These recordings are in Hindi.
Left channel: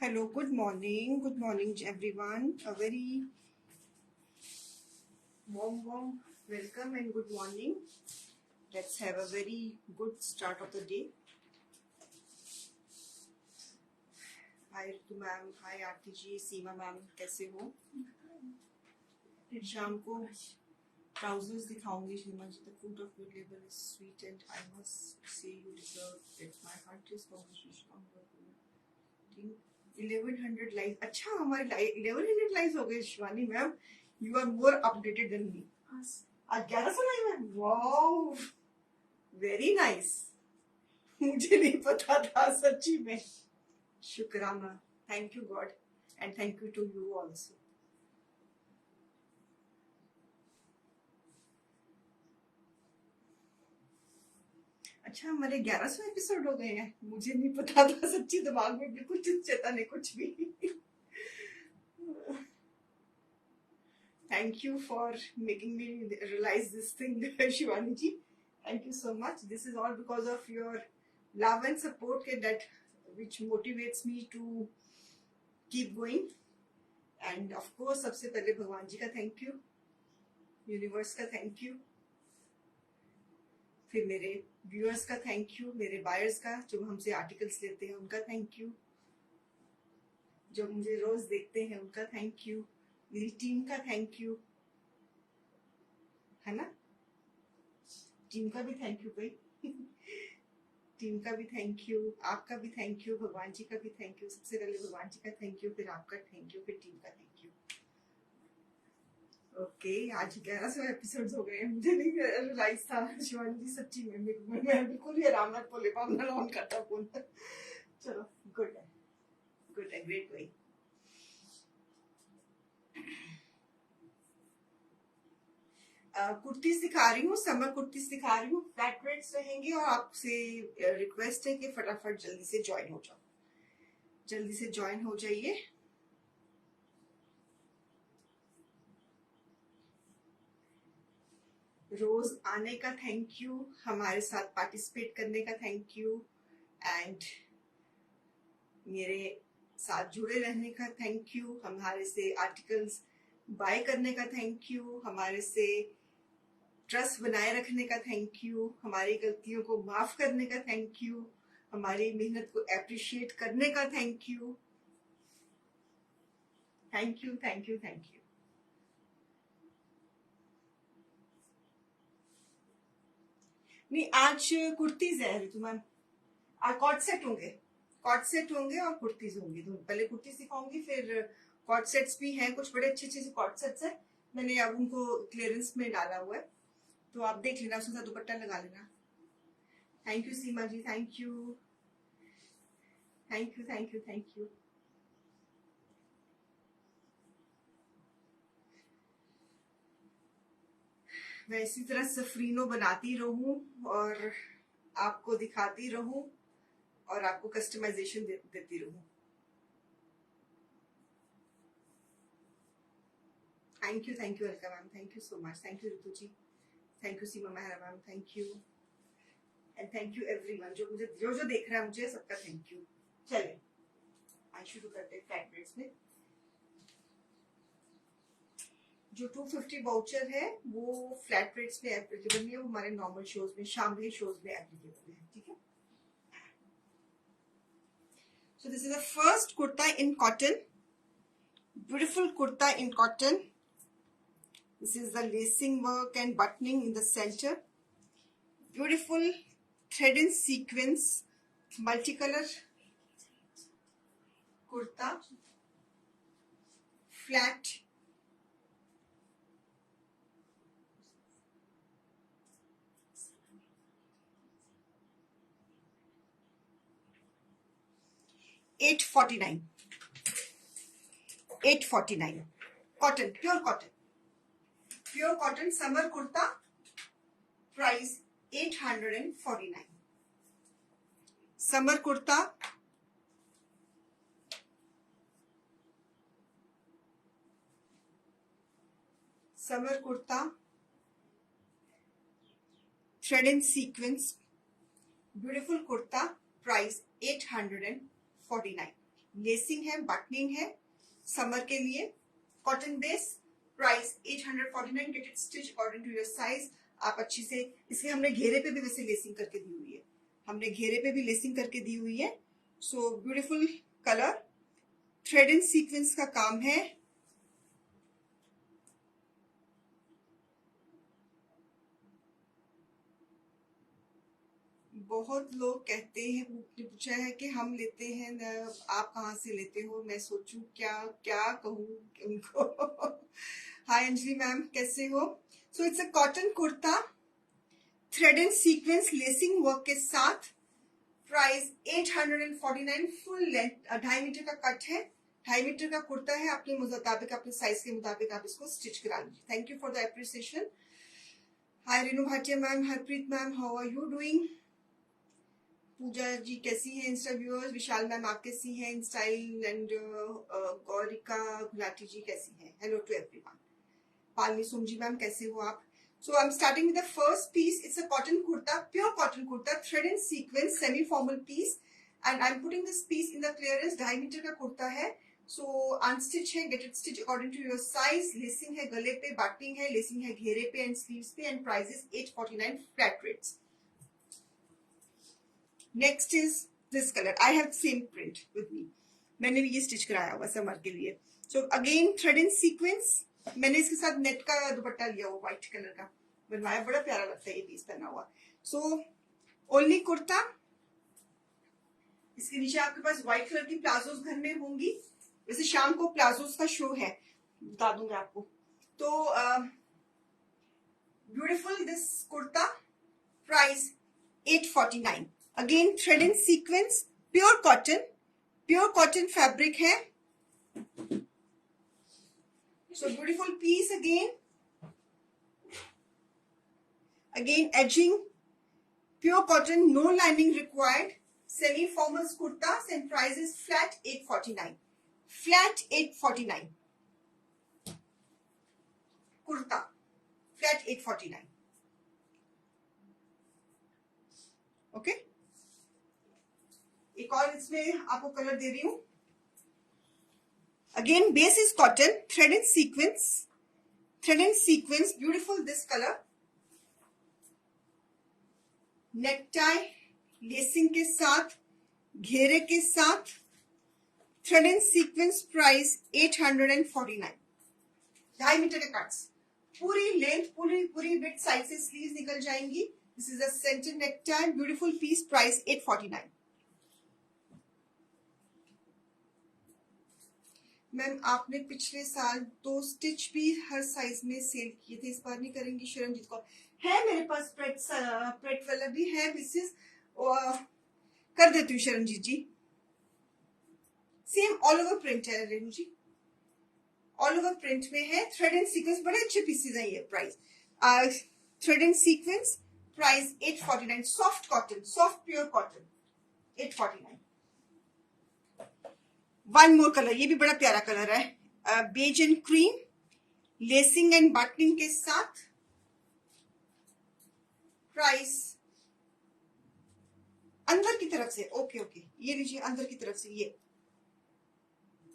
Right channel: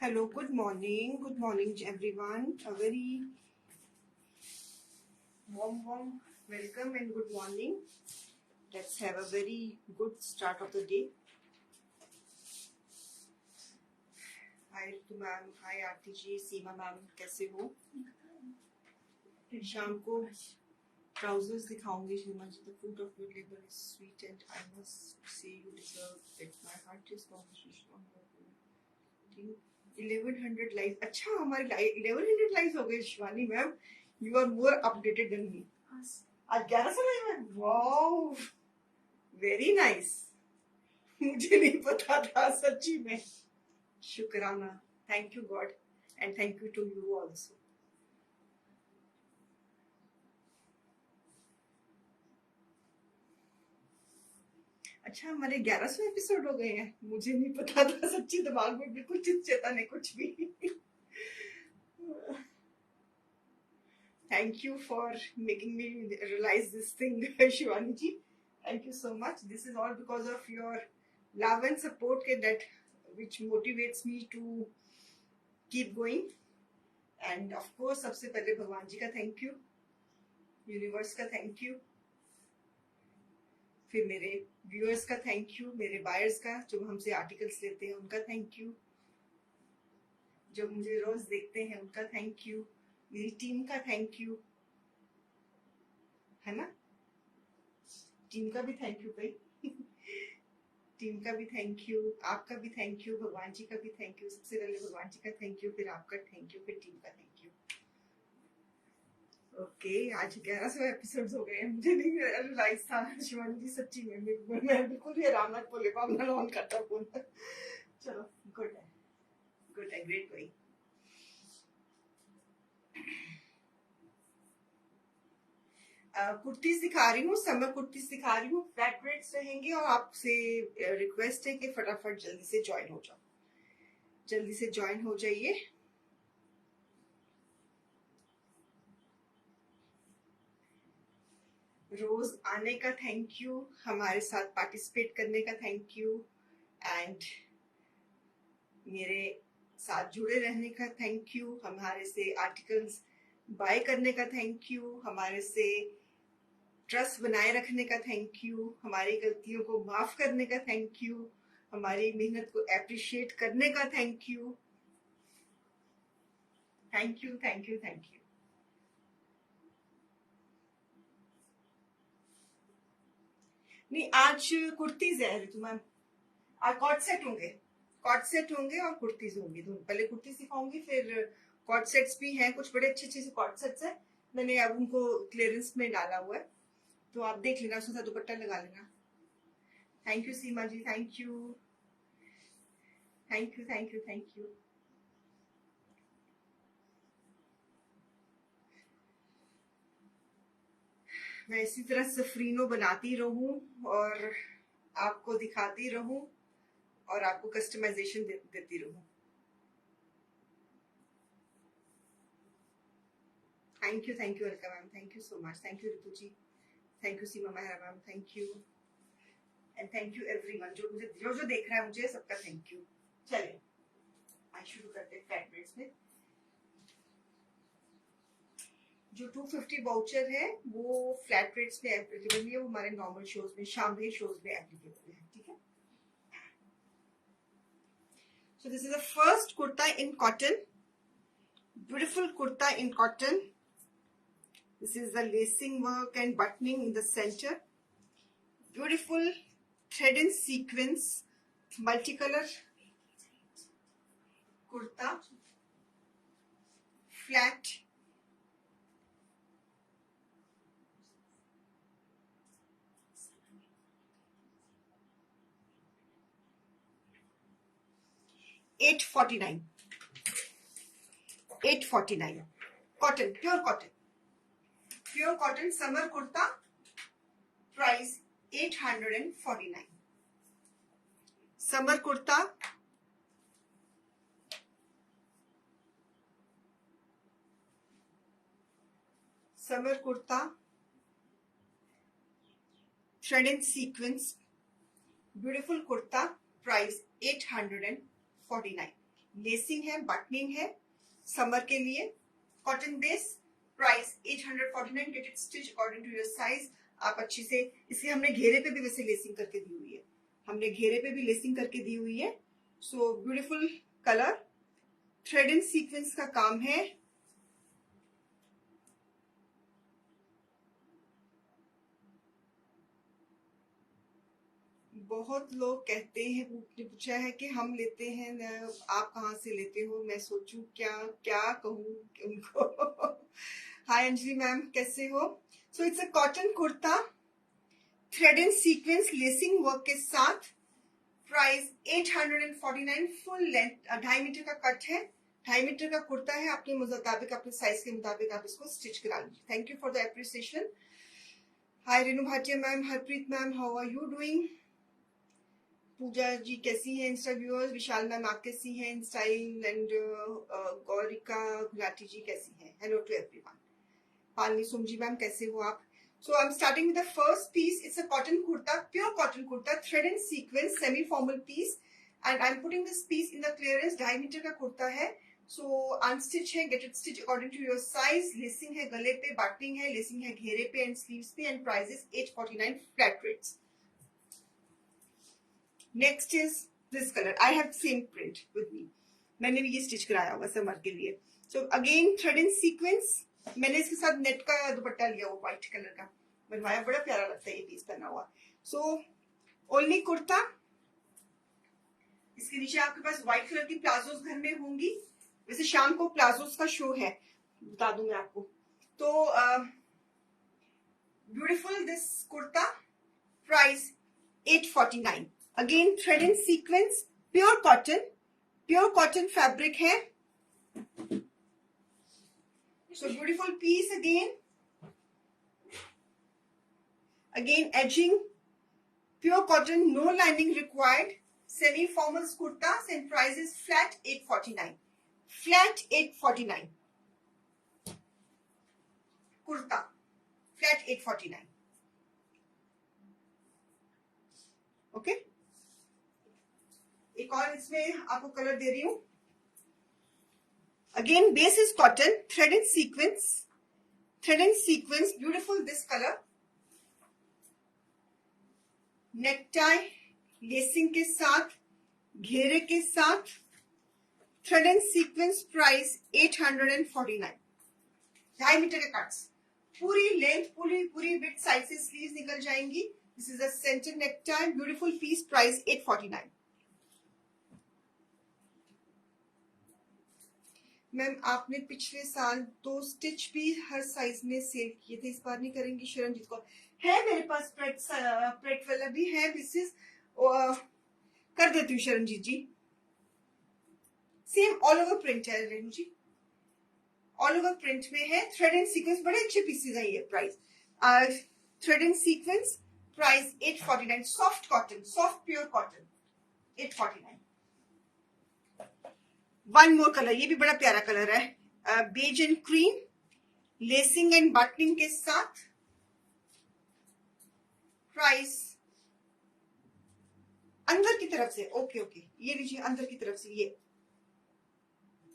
Hello, good morning everyone. A very warm welcome and good morning. Let's have a very good start of the day. Hi Ritu ma'am, hi Aarti ji, Seema ma'am, कैसे हो? शाम को trousers दिखाऊंगी सीमा जी. The fruit of your labor is sweet and I must say you deserve it. My heart is conversation on your 1100 likes. अच्छा, हमारे 1100 likes हो गए Shivani ma'am. You are more updated than me. आज 1100 लाइव है. Wow, very nice. मुझे नहीं पता था सच्ची में. शुक्राना. Thank you God and thank you to you also. अच्छा, हमारे 1100 एपिसोड हो गए हैं. मुझे नहीं पता था सच्ची. दिमाग में बिल्कुल चेता नहीं कुछ भी. Thank you for making me realize this thing, Shivani ji. Thank you so much. This is all because of your love and support that which motivates me to keep going. And of course, सबसे पहले भगवान जी का thank you, यूनिवर्स का thank you, फिर मेरे व्यूअर्स का thank you, मेरे बायर्स का जो हमसे आर्टिकल्स लेते हैं उनका thank you, जो मुझे रोज देखते हैं उनका thank you, मेरी टीम का थैंक यू, है ना? टीम का भी थैंक यू भाई. टीम का भी थैंक यू, आपका भी थैंक यू, भगवान जी का भी थैंक यू. सबसे पहले भगवान जी का थैंक यू, फिर आपका थैंक यू, फिर टीम का थैंक यू. ओके, आज 1100 एपिसोड्स हो गए हैं. मुझे नहीं रियलाइज था शिवानी जी सच्ची में. मैं बिल्कुल ही आराम से बोले पाऊंगा ऑन करता फोन. चलो, गुड है, ग्रेट भाई. कुर्ती सिखा रही हूँ, समर कुर्ती सिखा रही हूँ. फ्लैट रेट्स रहेंगे और आपसे रिक्वेस्ट है कि फटाफट जल्दी से ज्वाइन हो जाओ. जल्दी से ज्वाइन हो जाइए. रोज आने का थैंक यू, हमारे साथ पार्टिसिपेट करने का थैंक यू, एंड मेरे साथ जुड़े रहने का थैंक यू, हमारे से आर्टिकल्स बाय करने का थैंक यू, हमारे से ट्रस्ट बनाए रखने का थैंक यू, हमारी गलतियों को माफ करने का थैंक यू, हमारी मेहनत को एप्रिशिएट करने का thank you. Thank you, thank you, thank you. नहीं, आज कुर्तीज है ऋतु मैम. आज कॉट सेट होंगे और कुर्तीज होंगी. तो पहले कुर्ती सिखाऊंगी, फिर कॉट सेट्स भी हैं. कुछ बड़े अच्छे से कॉट सेट्स हैं. मैंने अब उनको क्लियरेंस में डाला हुआ है, तो आप देख लेना, उसका दुपट्टा लगा लेना. Thank you Seema ji, thank you, thank you, thank you, thank you. मैं इसी तरह सफरीनो बनाती रहूं और आपको दिखाती रहूं और आपको कस्टमाइजेशन देती रहूं. Thank you, Alka ma'am, thank you so much. Thank you Ritu ji, thank you Seema Mehra ma'am, thank you, and thank you everyone जो मुझे जो देख रहा है. मुझे सबका थैंक यू. चले, आज शुरू करते हैं फ्लैट रेट्स में. जो 250 वाउचर है वो फ्लैट रेट्स में एप्लीकेबल नहीं है, वो हमारे नॉर्मल शोज में, शामली शोज में एप्लीकेबल है. ठीक है. So this is the first kurta in cotton, beautiful kurta in cotton, This is the lacing work and buttoning in the center. Beautiful thread and sequence multicolor kurta, flat. $849. $849. Cotton, pure cotton. Pure cotton summer kurta. Price $849. Summer kurta. Summer kurta. Thread and sequence. Beautiful kurta. Price $849. Lacing है, बटनिंग है, समर के लिए. Cotton base. Price $849. Get it stitch according to your size. आप अच्छी से, इसके हमने घेरे पे भी वैसे लेसिंग करके दी हुई है. हमने घेरे पे भी लेसिंग करके दी हुई है. So beautiful colour. Thread and sequence का काम है. बहुत लोग कहते हैं, पूछा है कि हम लेते हैं, आप कहाँ से लेते हो. मैं सोचूं क्या क्या कहूँ उनको. हाय अंजलि मैम, कैसे हो. सो it's a cotton kurta, thread and sequence lacing work के साथ. प्राइस $849. फुल लेंथ 2.5 मीटर का कट है. 2.5 मीटर का कुर्ता है. अपने मुताबिक, अपने साइज के मुताबिक आप इसको स्टिच करा लीजिए. Thank you for the appreciation. Hi Renu Bhatia ma'am, Harpreet ma'am, how are you doing. Pooja ji कैसी हैं. Insta viewers. विशाल मैम आप कैसी हैं. In style and Gaurika Gulati ji कैसी हैं. Hello to everyone. पालनी सुमजी मैम कैसे हो आप. So I am starting with the first piece. It's a cotton kurta, pure cotton kurta, thread and sequence, semi formal piece. And I am putting this piece in the clearance. 2.5 metre का कुर्ता है. सो अनस्टिच है. Get it stitch according to your size. Lacing है गले पे, बटनिंग है, लेसिंग है घेरे पे एंड स्लीव्स पे. And price is $849 flat rates. Next is this colour. I have same print with me. मैंने भी ये स्टिच कराया हुआ समर के लिए. So again thread and sequence. मैंने इसके साथ नेट का दुपट्टा लिया हुआ व्हाइट कलर का बनवाया. बड़ा प्यारा लगता है ये पीस पहना हुआ. So only kurta. इसके नीचे आपके पास व्हाइट कलर की प्लाजोस घर में होंगी. वैसे शाम को प्लाजोस का शो है, बता दूंगी आपको. तो beautiful this kurta. Price $849. Again thread and sequence, pure cotton fabric है. So beautiful piece. Again edging, pure cotton, no lining required. Semi formal kurta. And price is flat $849. Flat $849 kurta. Flat $849. Okay. एक और इसमें आपको कलर दे रही हूं. Again base is cotton, thread and sequence. Beautiful this colour. Neck tie, lacing के साथ, घेरे के साथ, thread and sequence. Price $849. 2.5 metre के कट्स. पूरी लेंथ, पूरी विड्थ साइज से स्लीव्स निकल जाएंगी. This is a centre neck tie. Beautiful piece. Price $849. Ma'am आपने पिछले साल 2 स्टिच भी हर साइज में सेल किए थे, इस बार नहीं करेंगी. शरणजीत कौर है मेरे पास. प्रेट वाला भी है मिसेस. कर देती हूँ Sharanjeet ji. Same all over print है Renu ji. All over print में है. Thread and sequence. बड़े अच्छे पीसेज है ये. Price thread and sequence. Price $849. Soft cotton, soft pure cotton. $849. One more colour. ये भी बड़ा प्यारा कलर है. Beige and cream, lacing and buttoning के साथ. प्राइस अंदर की तरफ से. ओके. ये लीजिए अंदर की तरफ से. ये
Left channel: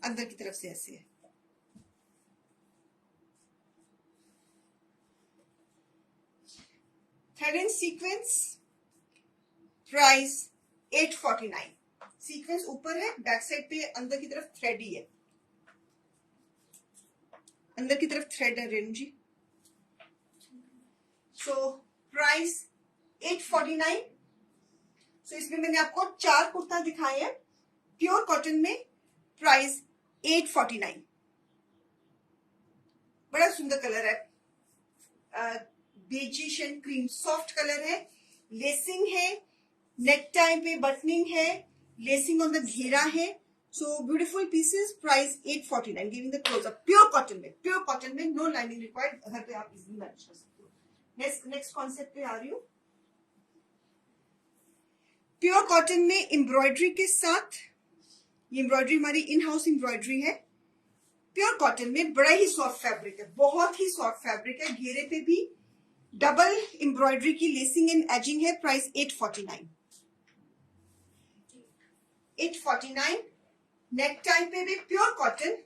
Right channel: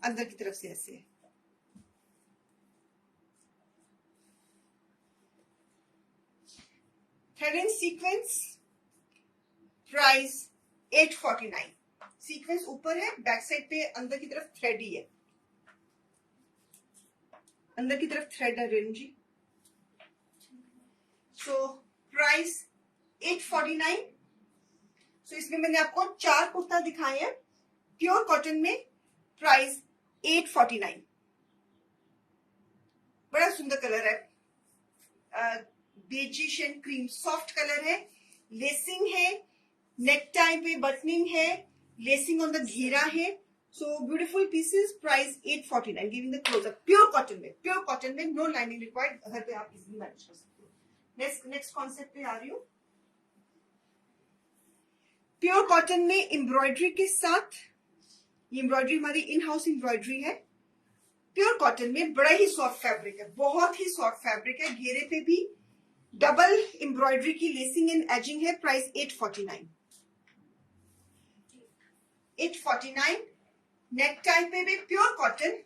अंदर की तरफ से ऐसे है. Thread and sequence. Price $849. Sequence ऊपर है, बैक साइड पे अंदर की तरफ थ्रेड ही है. अंदर की तरफ थ्रेड है रेणु जी. So price 849। सो इसमें मैंने आपको 4 कुर्ता दिखाए हैं प्योर कॉटन में, प्राइस 849। बड़ा सुंदर कलर है, beigish and cream soft colour है, लेसिंग है, नेक टाई पे बटनिंग है, लेसिंग ऑन द घेरा है। So beautiful pieces, price 849। Giving the close up, pure cotton में नो लाइनिंग रिक्वायर्ड, घर पे आप इजीली मैनेज कर सकते हो। नेक्स्ट कॉन्सेप्ट पे आ रही हूँ। प्योर कॉटन में एम्ब्रॉयडरी के साथ, ये एम्ब्रॉयडरी हमारी इन हाउस एम्ब्रॉयडरी है। प्योर कॉटन में बड़ा ही सॉफ्ट फैब्रिक है, बहुत ही सॉफ्ट फैब्रिक है। घेरे पे भी डबल एम्ब्रॉयडरी की लेसिंग एंड एजिंग है, प्राइस 849। 849। नेक टाइप पे भी प्योर कॉटन,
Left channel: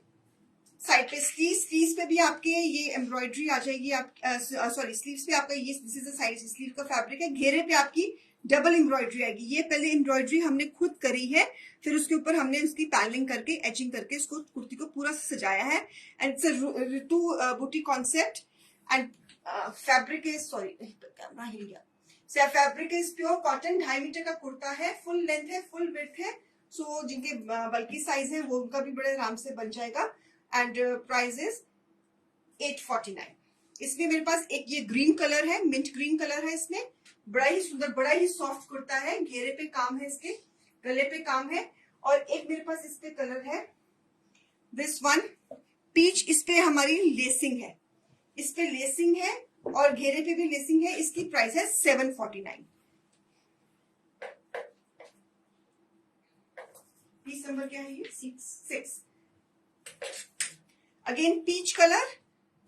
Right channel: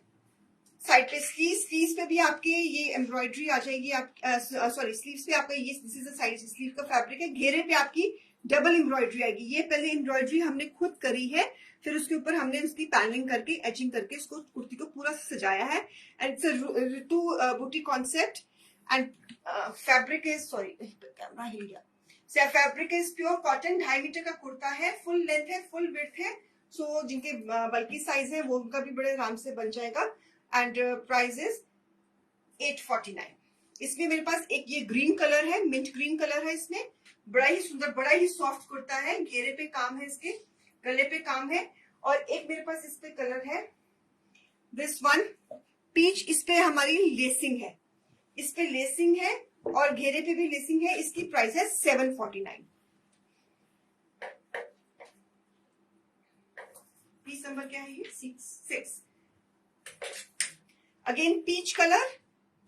साइड पे स्लीव्स पे भी आपके ये एम्ब्रॉयडरी आ जाएगी। आप सॉरी, स्लीव्स पे आपका ये दिस इज साइड स्लीव का फैब्रिक है। घेरे पे आपकी डबल एम्ब्रॉयडरी आएगी। ये पहले एम्ब्रॉयडरी हमने खुद करी है, फिर उसके ऊपर हमने उसकी पैनलिंग करके एचिंग करके इसको कुर्ती को पूरा सजाया है। एंड इट्स अ ऋतु बूटी concept and fabric is, sorry camera हिल गया। Fabric is pure cotton, 2.5 metre का कुर्ता है, फुल लेंथ है, फुल विड्थ है। सो जिनके बल्कि साइज है वो उनका भी बड़े आराम से बन जाएगा। And price is 849। इसमें मेरे पास एक ये ग्रीन कलर है, मिंट ग्रीन कलर है। इसमें बड़ा ही सुंदर, बड़ा ही सॉफ्ट कुर्ता है। घेरे पे काम है, इसके गले पे काम है। और एक मेरे पास इस पे कलर है, दिस वन पीच। इस पे हमारी लेसिंग है, इस पे लेसिंग है और घेरे पे भी लेसिंग है। इसकी प्राइस है 749। पीस नंबर क्या है ये? 6। Again peach colour,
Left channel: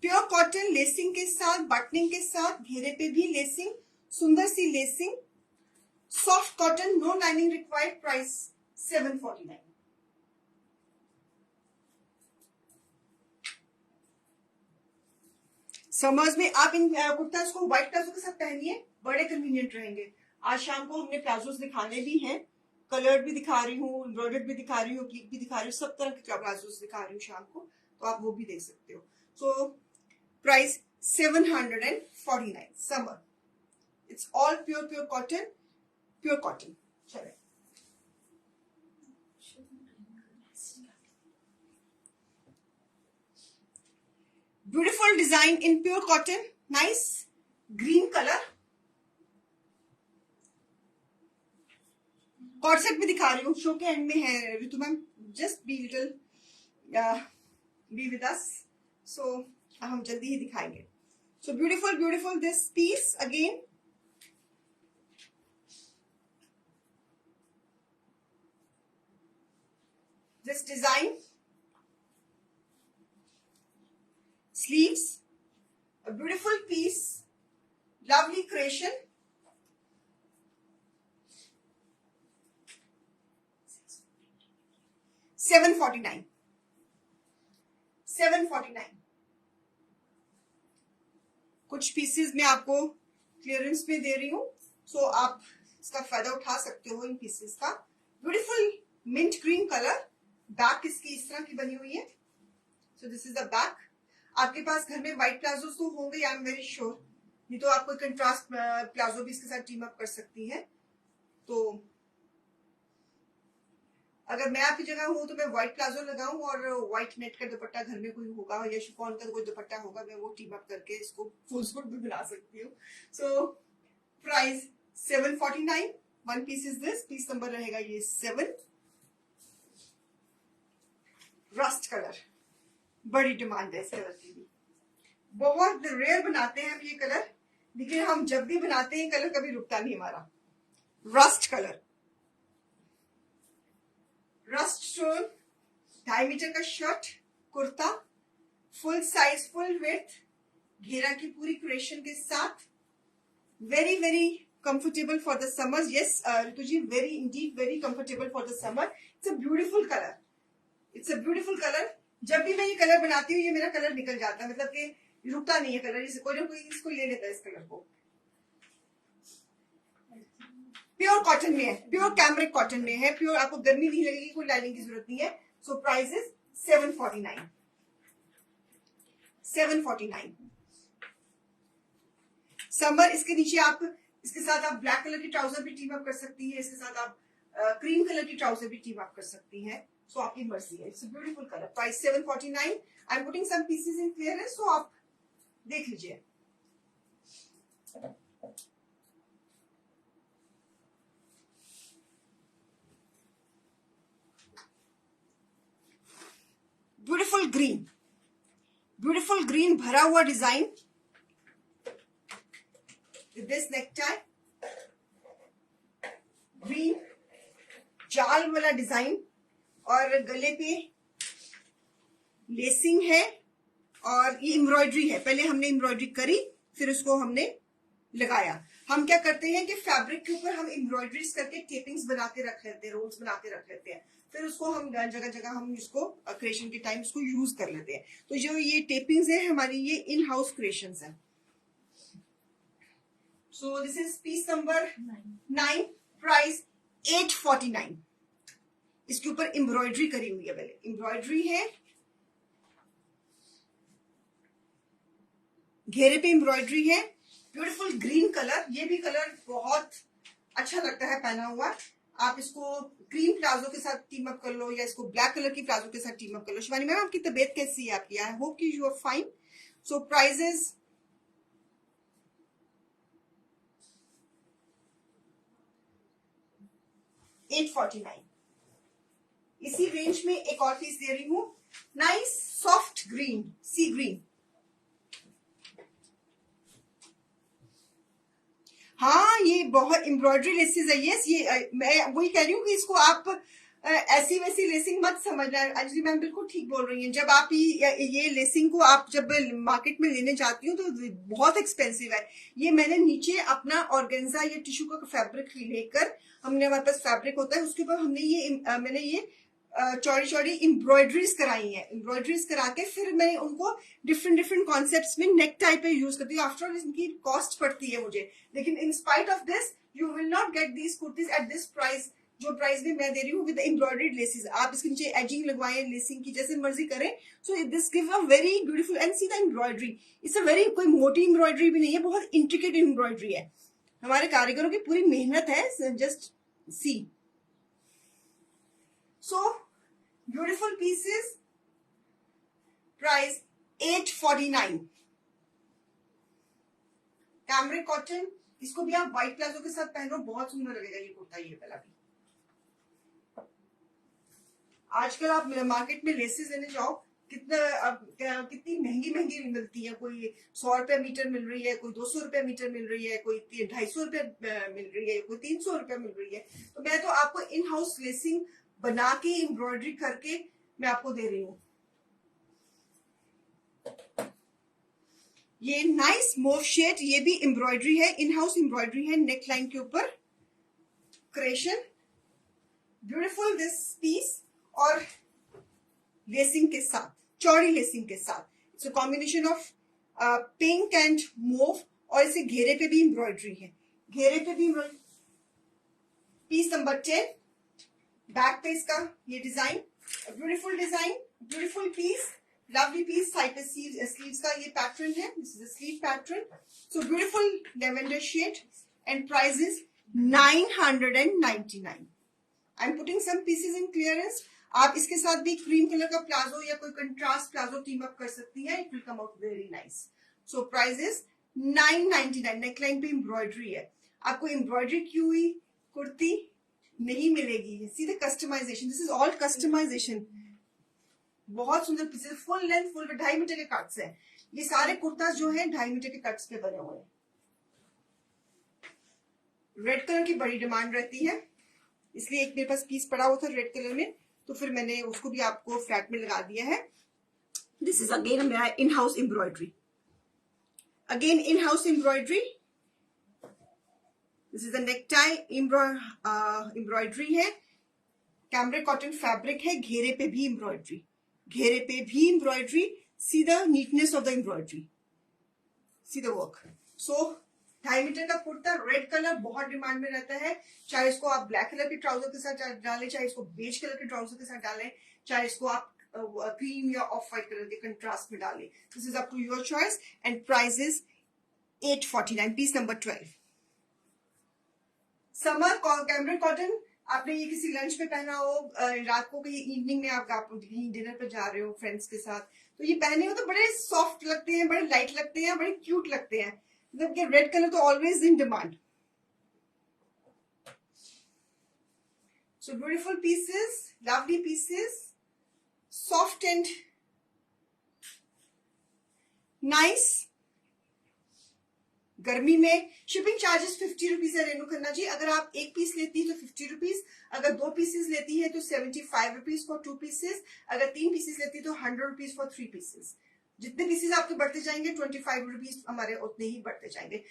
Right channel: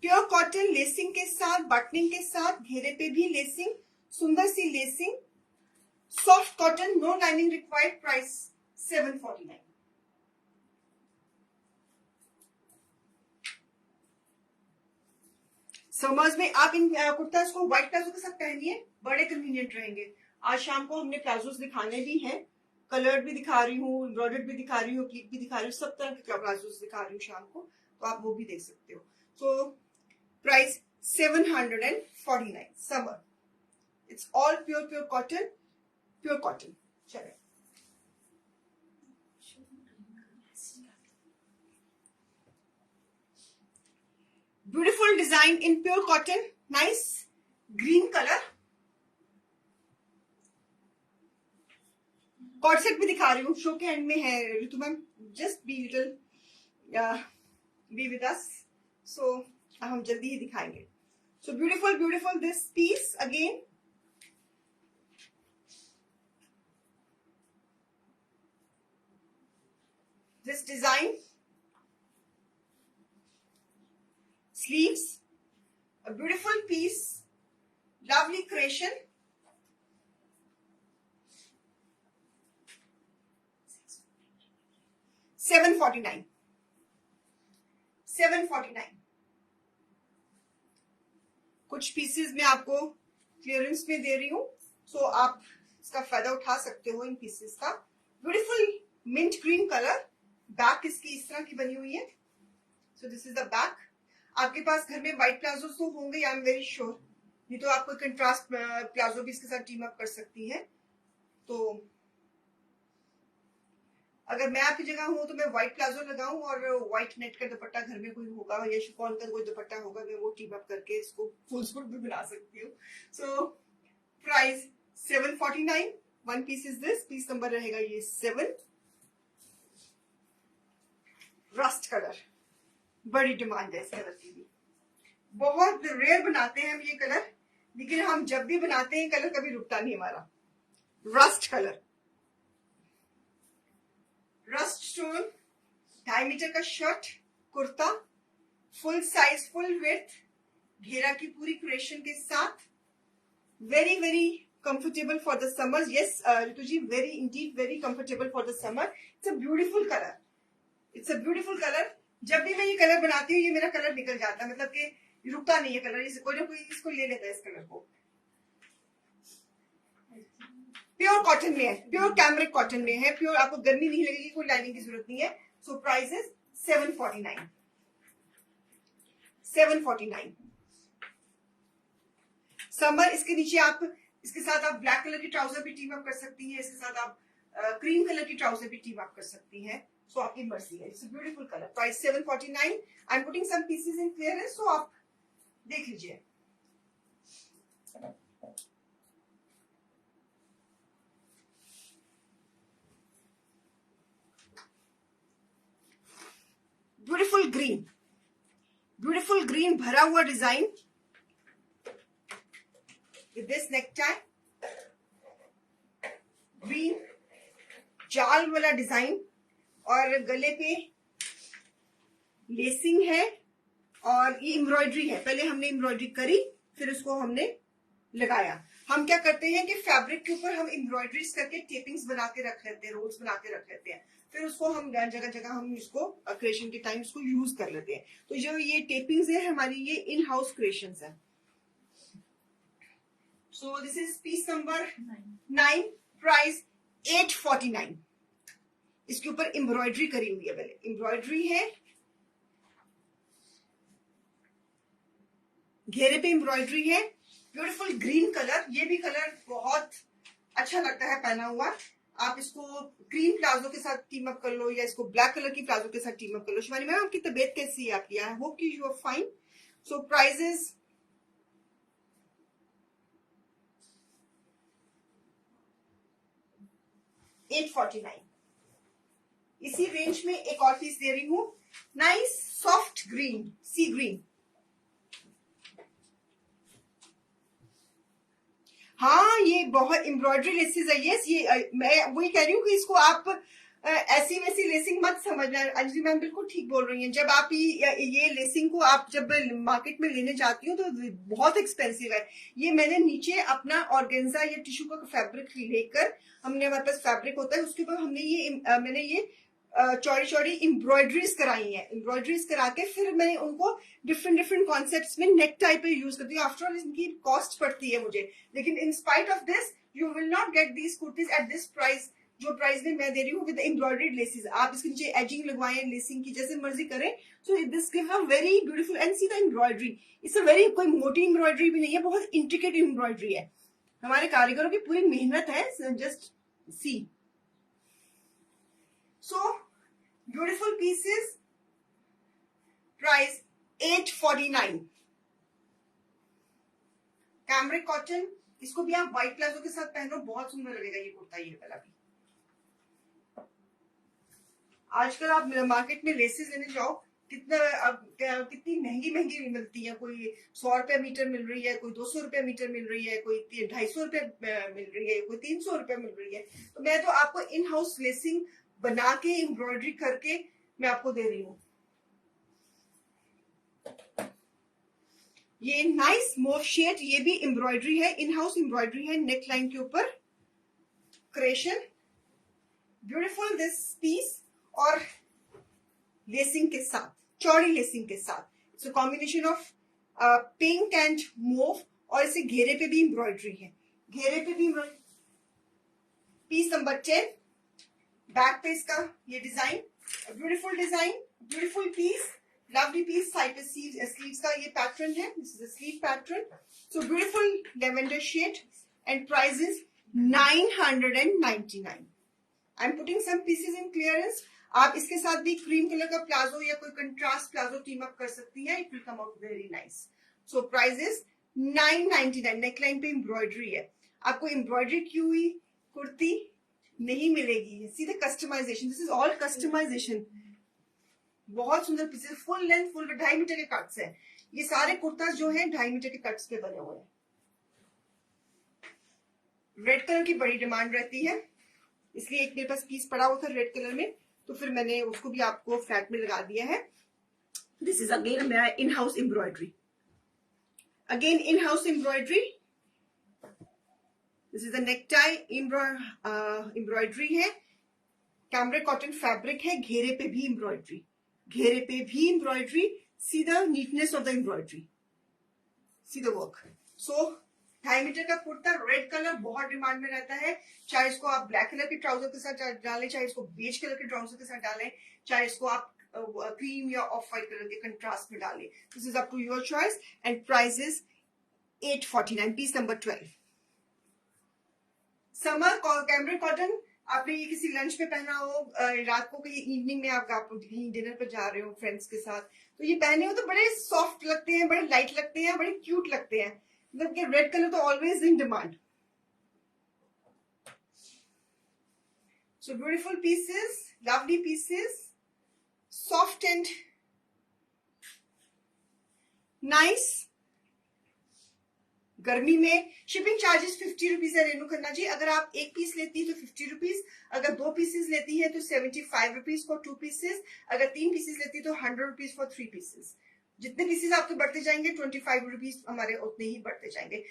pure cotton, lacing के साथ, बटनिंग के साथ, घेरे पे भी लेसिंग, सुंदर सी lacing, soft cotton, no lining required, price 749। Summers में आप इन कुर्तास को व्हाइट प्लाजो के साथ पहनिए, बड़े कन्वीनियंट रहेंगे। आज शाम को हमने प्लाजोस दिखाने भी हैं, कलर्ड भी दिखा रही हूँ, एम्ब्रॉयडर्ड भी दिखा रही हूँ, प्लीट भी दिखा रही हूँ, सब तरह के प्लाजोस दिखा रही हूँ शाम को, तो आप वो भी देख सकते हो। So price 749 summer. It's all pure cotton, pure cotton. चलिए beautiful design in pure cotton, nice green colour. Corset भी दिखा रही हूँ, शो के एंड में है Ritu ma'am, just be little be with us. So हम जल्दी ही दिखाएंगे। So beautiful this piece again, this design, sleeves, a beautiful piece, lovely creation. $749. कुछ पीसेस मैं आपको क्लियरेंस में दे रही हूँ, सो आप इसका फायदा उठा सकते हो इन पीसेस का। Beautiful mint green colour, back इसकी इस तरह की बनी हुई है। So this is the back. आपके पास घर में व्हाइट प्लाजो तो होंगे, आई एम वेरी श्योर, नहीं तो आप कोई कंट्रास्ट प्लाजो भी इसके साथ टीम अप कर सकती हैं। तो अगर मैं आपकी जगह हूं तो मैं व्हाइट प्लाजो लगाऊं और व्हाइट नेट का दुपट्टा घर में कोई होगा या शिफॉन का कोई दुपट्टा होगा, मैं वो टीम अप करके इसको फुल सूट भी बना सकती हूँ। So price 749। One piece is this, piece number रहेगा ये 7। रस्ट कलर, बड़ी डिमांड है इस कलर की भी, बहुत रेयर बनाते हैं हम ये कलर, लेकिन हम जब भी बनाते हैं कलर कभी रुकता नहीं हमारा। Rust colour, rust stone, 2.5 metre का shirt, kurta, full size, full width, घेरा की पूरी क्रिएशन के साथ, very very comfortable for the summer. Yes Ritu ji, very indeed very comfortable for the summer. It's a beautiful colour, it's a beautiful colour. जब भी मैं ये कलर बनाती हूँ ये मेरा कलर निकल जाता है, मतलब कि रुकता नहीं है कलर, जैसे कोई ना कोई इसको ले लेता है इस कलर को। प्योर कॉटन में है, प्योर कैमरिक कॉटन में है, प्योर, आपको गर्मी नहीं लगेगी, कोई लाइनिंग की जरूरत नहीं है। सो प्राइस इज 749। समर, इसके नीचे आप, इसके साथ आप ब्लैक कलर की ट्राउजर भी टीम अप कर सकती हैं, इसके साथ आप क्रीम कलर की ट्राउजर भी टीम अप कर सकती हैं। सो आपकी मर्जी है। It's beautiful colour. Price 749। I am putting some pieces in clearance, so आप देख लीजिए। ब्यूटीफुल ग्रीन, ब्यूटीफुल ग्रीन भरा हुआ design with this necktie, green जाल वाला डिजाइन, और गले पे लेसिंग है और ये एम्ब्रॉयडरी है। पहले हमने एम्ब्रॉयडरी करी, फिर उसको हमने लगाया। हम क्या करते हैं कि फैब्रिक के ऊपर हम एम्ब्रॉयडरीज करके टेपिंग्स बना के रख लेते हैं, रोल्स बना के रख लेते हैं, फिर उसको हम जगह जगह हम इसको क्रिएशन के टाइम इसको यूज कर लेते हैं। तो जो ये टेपिंग्स है हमारी, ये इन हाउस क्रिएशंस है। So this is peace number 9, price 849। इसके ऊपर एम्ब्रॉयडरी करी हुई है, पहले एम्ब्रॉयडरी है, घेरे पे एम्ब्रॉयडरी है, ब्यूटीफुल ग्रीन कलर। ये भी कलर बहुत अच्छा लगता है पहना हुआ। आप इसको क्रीम प्लाजो के साथ टीम अप कर लो, या इसको ब्लैक कलर की प्लाजो के साथ टीम अप कर लो। शिवानी मैम, आपकी तबीयत कैसी है आपकी? आई होप कि you are fine. So prices $849। इसी रेंज में एक और पीस दे रही हूं, नाइस सॉफ्ट ग्रीन, सी ग्रीन। हाँ, ये बहुत एम्ब्रॉयडरी लेसेस है। यस, ये मैं वही कह रही हूँ कि इसको आप ऐसी वैसी लेसिंग मत समझना। अंजलि मैम बिल्कुल ठीक बोल रही हैं। जब आप ये लेसिंग को आप जब मार्केट में लेने जाती हो तो बहुत एक्सपेंसिव है। ये मैंने नीचे अपना ऑर्गेन्जा या टिश्यू का फैब्रिक लेकर, हमने हमारे पास फैब्रिक होता है, उसके ऊपर हमने मैंने ये चौड़ी चौड़ी एम्ब्रॉयडरीज कराई है। एम्ब्रॉयडरीज करा के फिर मैं उनको डिफरेंट डिफरेंट कॉन्सेप्ट्स में नेक टाइप पे यूज करती हूँ। आफ्टर ऑल इनकी कॉस्ट पड़ती है मुझे, लेकिन in spite of this you will not get these kurtis at this price, जो प्राइस में मैं दे रही हूँ विद एम्ब्रॉयडर्ड लेसेस। आप इसके नीचे एजिंग लगवाएं, लेसिंग की जैसे मर्जी करें। So this give a very beautiful and see the embroidery. It's a very, कोई मोटी एम्ब्रॉयडरी भी नहीं है, बहुत इंट्रिकेट एम्ब्रॉयडरी है। हमारे कारीगरों की पूरी मेहनत है, just see. So beautiful pieces, price 849। Cambric cotton, इसको भी आप व्हाइट प्लाजो के साथ पहनो, बहुत सुंदर लगेगा ये कुर्ता। ये वाला भी आजकल आप मार्केट में लेसेस लेने जाओ, कितनी महंगी महंगी मिलती है। कोई 100 रुपए मीटर मिल रही है, कोई 200 रुपए मीटर मिल रही है, कोई 250 रुपए मिल रही है, कोई 300 रुपए मिल रही है। तो मैं तो आपको इन हाउस लेसिंग बना के एम्ब्रॉयडरी करके मैं आपको दे रही हूँ। ये नाइस मोव शेड, ये भी एम्ब्रॉयडरी है, इन हाउस एम्ब्रॉयडरी है, नेक लाइन के ऊपर क्रिएशन। ब्यूटीफुल दिस पीस, और लेसिंग के साथ, चौड़ी लेसिंग के साथ। It's a combination of pink and mauve, और इसे घेरे पे भी एम्ब्रॉयडरी है, घेरे पे भी एम्ब्रॉयडरी। पीस नंबर 10, बैक पे इसका ये design, beautiful design, beautiful piece, lovely piece. Side पे स्लीव्स का ये पैटर्न है, this is the sleeve pattern. So beautiful lavender shade, and price is 999। I am putting some pieces in clearance. आप इसके साथ भी क्रीम कलर का प्लाजो या कोई कंट्रास्ट प्लाजो टीम अप कर सकती हैं, it will come out very nice. So price is 999। Neckline पे एम्ब्रॉयडरी है। आपको एम्ब्रॉयडरी की हुई कुर्ती नहीं मिलेगी, सीधे customization, this is all customization. बहुत सुंदर pieces, full length, full 2.5 metre के कट्स है। ये सारे कुर्ताज जो हैं 2.5 मीटर के कट्स पे बने हुए हैं। रेड कलर की बड़ी डिमांड रहती है, इसलिए एक मेरे पास पीस पड़ा हुआ था रेड कलर में, तो फिर मैंने उसको भी आपको फ्लैट में लगा दिया है। दिस इज अगेन मेरा in house embroidery, again in house embroidery. This is the neck tie embroidery है, कैमरिक कॉटन फैब्रिक है, घेरे पे भी एम्ब्रॉयडरी, घेरे पे भी embroidery. See the neatness of the embroidery, see the work. So 2.5 metre का कुर्ता, रेड कलर बहुत डिमांड में रहता है। चाहे इसको आप ब्लैक कलर के ट्राउजर के साथ डालें, चाहे इसको बेज कलर के ट्राउजर के साथ डालें, चाहे इसको आप क्रीम या ऑफ व्हाइट कलर के कंट्रास्ट में डालें। This is up to your choice, and price is 849, piece number 12। Summer cambric cotton, आपने ये किसी लंच में पहना हो, रात को कहीं इवनिंग में आप कहीं डिनर पे जा रहे हो फ्रेंड्स के साथ, तो ये पहने हो तो बड़े सॉफ्ट लगते हैं, बड़े लाइट लगते हैं, बड़े क्यूट लगते हैं। मतलब कि रेड कलर तो always in demand. So beautiful pieces, lovely pieces, soft and nice. गर्मी में शिपिंग चार्जेस 50 रुपीज है रेनू खन्ना जी। अगर आप एक पीस लेती है तो 50 रुपीज, अगर 2 पीसेस लेती है तो 75 रुपीज फॉर 2 पीसेस, अगर 3 पीसेस लेती है तो 100 रुपीज फॉर 3 पीसेस। जितने पीसेस आपके बढ़ते जाएंगे 25 रुपीज हमारे उतने ही बढ़ते जाएंगे।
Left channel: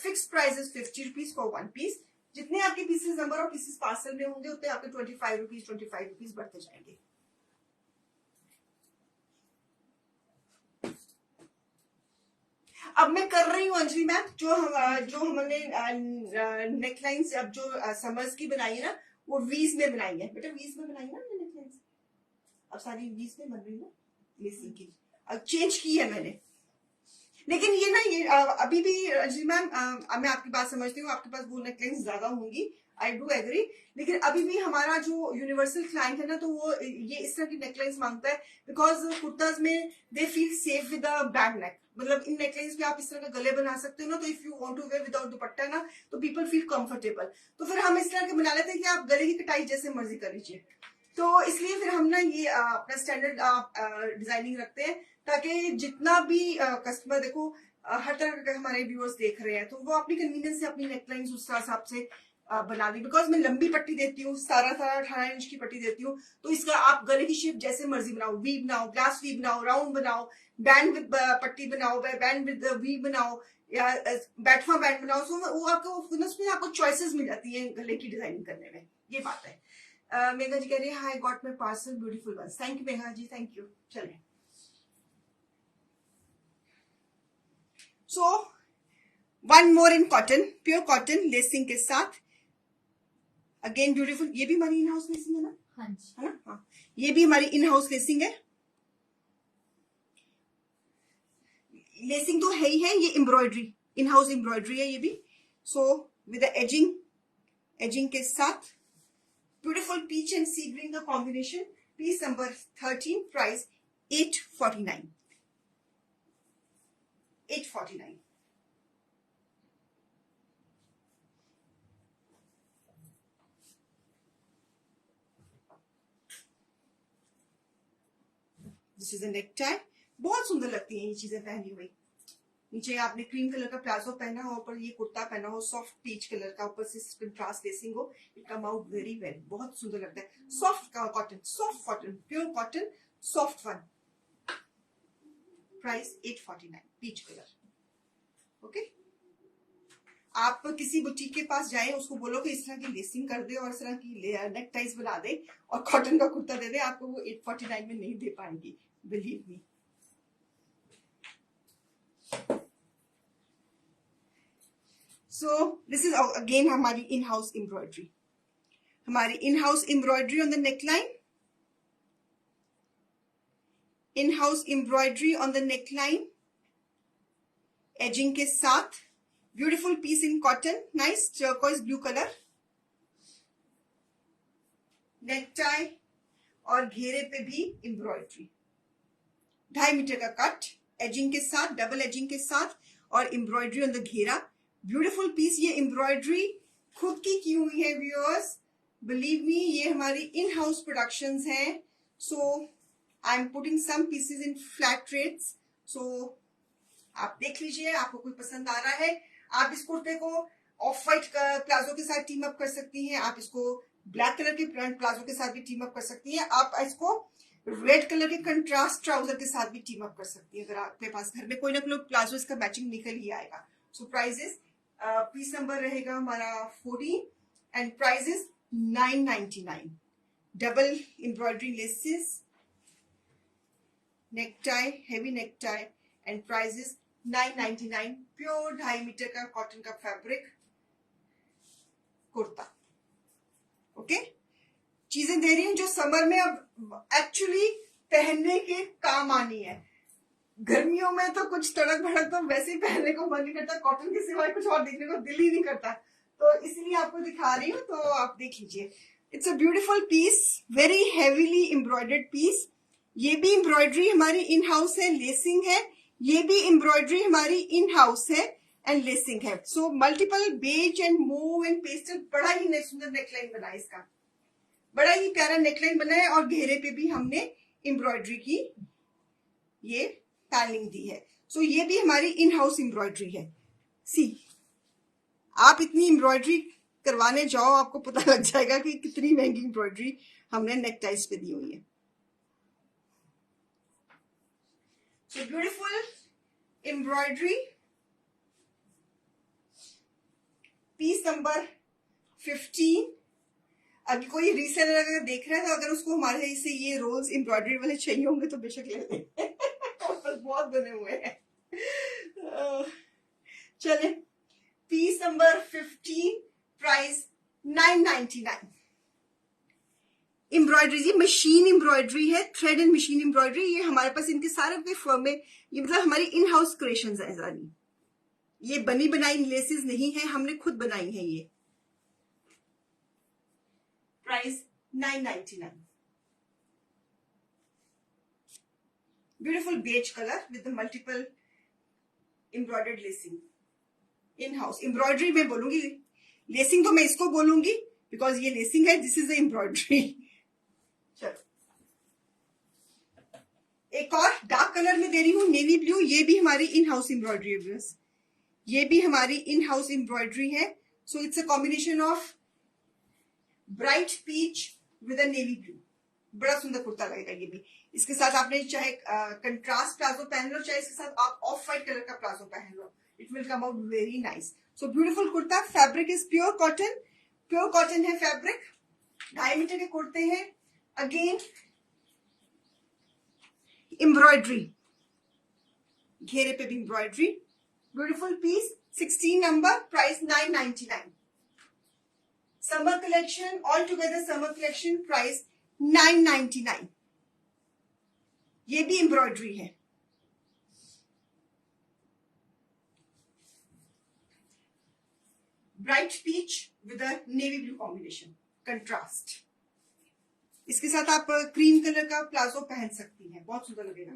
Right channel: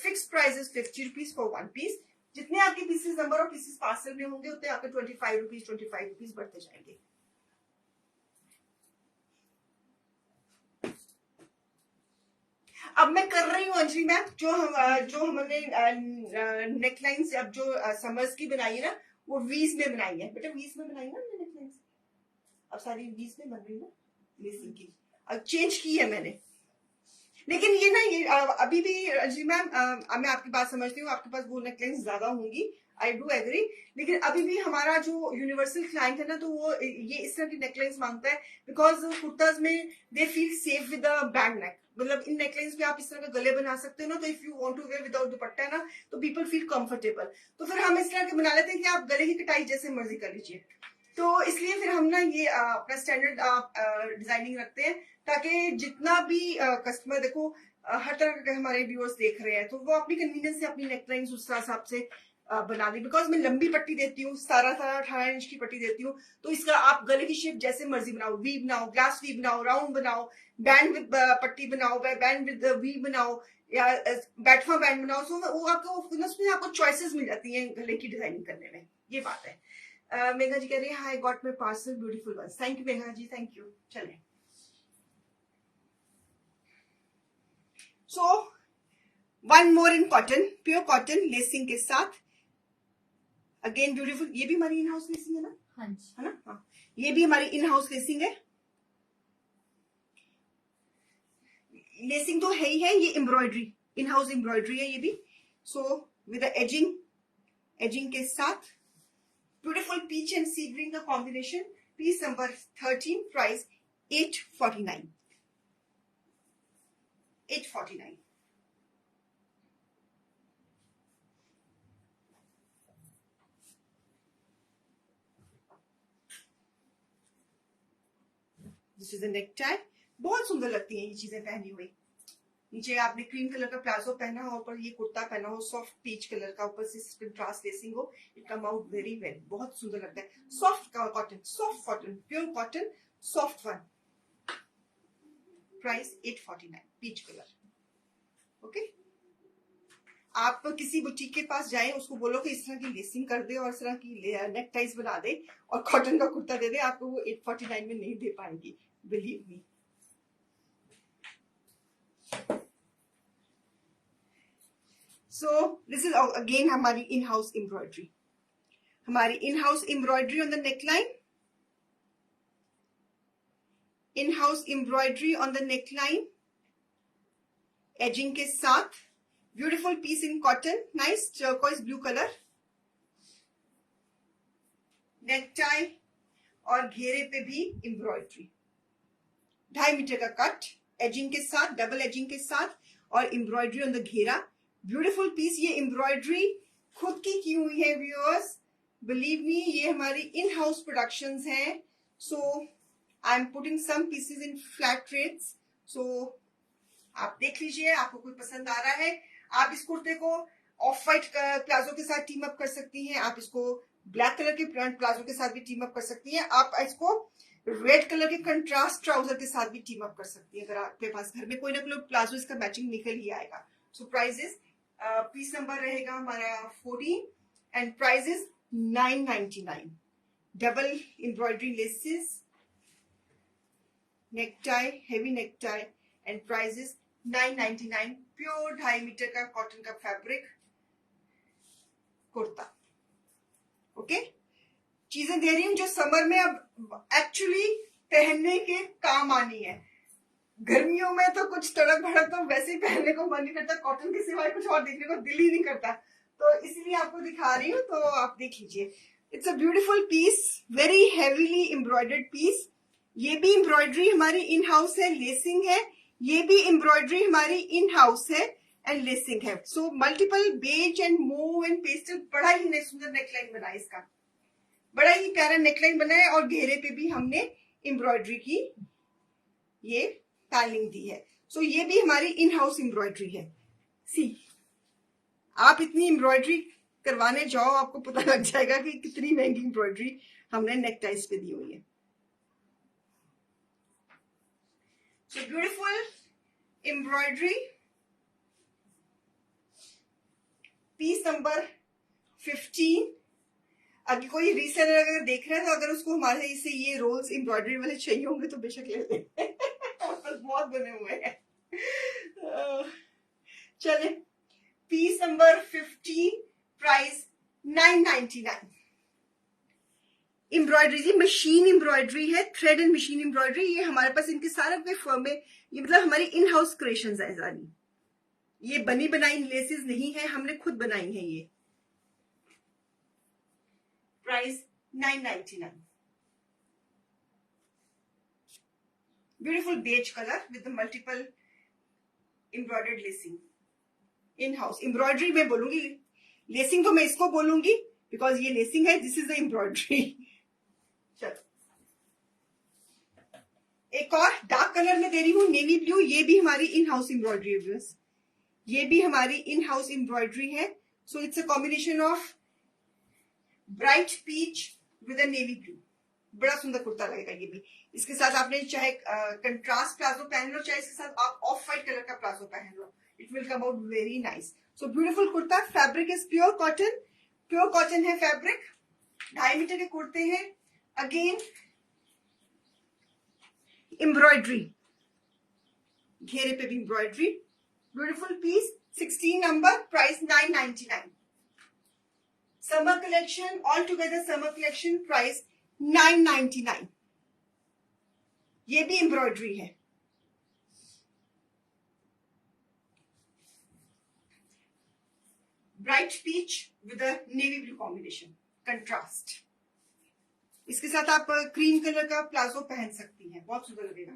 Fix price is 50 rupees for 1 piece. जितने आपके pieces number of pieces parcel में होंगे उतने आपके 25 रुपीज बढ़ते जाएंगे। अब मैं कर रही हूँ अंजलि मैम, जो हमने नेकलाइंस अब जो समर्स की बनाई है ना, वो वीज में बनाई है बेटा, वीज में बनाई है ना नेकलाइंस। अब सारी वीज में बन रही है ना लेसिंग की, अब चेंज की है मैंने। लेकिन ये ना ये अभी भी अंजलि मैम, मैं आपकी बात समझती हूँ, आपके पास वो नेकलाइंस ज्यादा होंगी, आई डू एग्री। लेकिन अभी भी हमारा जो यूनिवर्सल क्लाइंट है ना, तो वो ये इस तरह की नेकलाइंस मांगता है, बिकॉज कुर्ताज में they feel safe with a back neck. मतलब इन नेकलाइंस में आप इस तरह के गले बना सकते हो ना, तो if you want to wear without dupatta ना, तो पीपल फील कंफर्टेबल। तो फिर हम इस तरह के बना लेते हैं कि आप गले की कटाई जैसे मर्जी कर लीजिए। तो इसलिए फिर हम ना ये अपना स्टैंडर्ड डिजाइनिंग रखते हैं, ताकि जितना भी कस्टमर देखो, हर तरह के हमारे व्यूअर्स देख रहे हैं, तो वो अपनी कन्वीनियंस से अपनी नेकलाइंस उस हिसाब से बना दी। बिकॉज मैं लंबी पट्टी देती हूँ, 17-18 इंच की पट्टी देती हूँ, तो इसका आप गले की शेप जैसे मर्जी बनाओ, वी बनाओ, ग्लास वी बनाओ, राउंड बनाओ, बैंड विद पट्टी बनाओ, बैंड विद वी बनाओ, या बैठवा बैंड बनाओ। सो वो आपको उसमें आपको चॉइसेस मिल जाती है गले की डिजाइनिंग करने में। ये बात है। मेघा जी कह रही है hi got my parcel beautiful one. Thank you Megha ji, thank you. चले so one more in cotton, pure cotton lacing के साथ, अगेन ब्यूटीफुल। ये भी हमारी इन हाउस लेसिंग है ना? हाँ जी, है ना? हाँ, ये भी हमारी इन हाउस लेसिंग है। लेसिंग तो है ही है, ये एम्ब्रॉयडरी, इन हाउस एम्ब्रॉयडरी है ये भी। सो विद एजिंग के साथ beautiful peach and sea green का combination. Piece number 13, price 849। 849। This is a neck tie. बहुत सुंदर लगती है ये चीजें पहनी हुई। नीचे आपने क्रीम कलर का प्लाजो पहना हो, ऊपर ये कुर्ता पहना हो सॉफ्ट पीच कलर का, ऊपर से कंट्रास्ट लेसिंग हो, it come out very well, बहुत सुंदर लगता है। Soft cotton, pure cotton, soft one. Price 849, peach colour. Okay, आप किसी बुटीक के पास जाए, उसको बोलो कि इस तरह की लेसिंग कर दे और इस तरह की नेक टाइज बना दे और कॉटन का कुर्ता दे दे, आपको वो 849 में नहीं दे पाएंगी, believe me. So this is again हमारी इन हाउस एम्ब्रॉयडरी, हमारी in house embroidery on the neckline, in house embroidery on the neckline, edging के साथ, beautiful piece in cotton, nice turquoise blue colour, neck tie और घेरे पे भी एम्ब्रॉयडरी, 2.5 मीटर का कट, एजिंग के साथ, डबल एजिंग के साथ, और एम्ब्रॉयडरी ऑन द घेरा। Beautiful piece. ये एम्ब्रॉयडरी खुद की हुई है व्यूअर्स, बिलीव मी, ये हमारी इन हाउस प्रोडक्शंस हैं। So I am putting some pieces in flat rates. So आप देख लीजिए, आपको कोई पसंद आ रहा है, आप इस कुर्ते को ऑफ व्हाइट प्लाजो के साथ टीम अप कर सकती हैं, आप इसको ब्लैक कलर के प्लाजो के साथ भी टीम अप कर सकती हैं, आप इसको रेड कलर के कंट्रास्ट ट्राउजर के साथ भी टीम अप कर सकती है। अगर आपके पास घर में कोई ना कोई प्लाजो इसका मैचिंग निकल ही आएगा। सो प्राइजेस, पीस नंबर रहेगा हमारा 14 and prices 999। Double embroidery laces, neck tie, heavy neck tie, and prices 999। Pure 2.5 metre का कॉटन का फैब्रिक कुर्ता। ओके, चीजें दे रही हूँ जो समर में अब एक्चुअली पहनने के काम आनी है। गर्मियों में तो कुछ तड़क भड़क तो वैसे ही पहनने को मन नहीं करता, कॉटन के सिवाय कुछ और देखने को दिल ही नहीं करता, तो इसीलिए आपको दिखा रही हूँ, तो आप देख लीजिए। It's a beautiful piece, very heavily embroidered piece. ये भी एम्ब्रॉयडरी हमारी इन हाउस है, लेसिंग है, ये भी एम्ब्रॉयडरी हमारी इन हाउस है एंड लेसिंग है। So multiple beige and mauve and pastel, बड़ा ही सुंदर नेकलाइन बना है इसका, बड़ा ही प्यारा नेकलाइन बना है, और घेरे पे भी हमने एम्ब्रॉयडरी की ये टाइलिंग दी है। सो ये भी हमारी इन हाउस एम्ब्रॉयडरी है। सी, आप इतनी एम्ब्रॉयडरी करवाने जाओ, आपको पता लग जाएगा कि कितनी महंगी एम्ब्रॉयडरी हमने नेकटाइज पे दी हुई है। So beautiful embroidery, piece number 15। अगर कोई रीसेलर अगर देख रहा है तो अगर उसको हमारे से ये रोल्स एम्ब्रॉयडरी वाले चाहिए होंगे तो बेशक ले ले। बहुत बने हुए हैं। चले, पीस नंबर 15, प्राइस 999। एम्ब्रॉयडरी जी मशीन एम्ब्रॉयडरी है, थ्रेड एंड मशीन एम्ब्रॉयडरी। ये हमारे पास इनके सारे के फर्म में, ये मतलब हमारी इन हाउस क्रिएशंस है सारी। ये बनी बनाई लेसेस नहीं है, हमने खुद बनाई है ये। Price 999। Beautiful beige colour with multiple embroidered lacing, in house embroidery में बोलूंगी, लेसिंग तो मैं इसको बोलूंगी बिकॉज ये लेसिंग है, दिस इज द एम्ब्रॉयडरी। चलो, एक और डार्क कलर में दे रही हूँ, नेवी ब्लू। ये भी हमारी इन हाउस एम्ब्रॉयडरी है, ये भी हमारी इन हाउस एम्ब्रॉयडरी है। So it's a combination of bright peach with a navy blue. बड़ा सुंदर कुर्ता लगेगा ये भी। इसके साथ आपने चाहे कंट्रास्ट प्लाजो पहन लो, चाहे इसके साथ आप ऑफ व्हाइट कलर का प्लाजो पहन लो, it will come out very nice. So beautiful kurta, fabric is pure cotton, pure cotton है फैब्रिक। 2.5 मीटर के कुर्ते हैं, अगेन एम्ब्रॉयडरी, घेरे पे भी embroidery, beautiful piece, 16 number, price 999। Summer collection, all together summer collection, price 999। ये भी एम्ब्रॉयडरी है। Bright peach with a navy blue combination, contrast. इसके साथ आप क्रीम कलर का प्लाजो पहन सकती हैं, बहुत सुंदर लगेगा।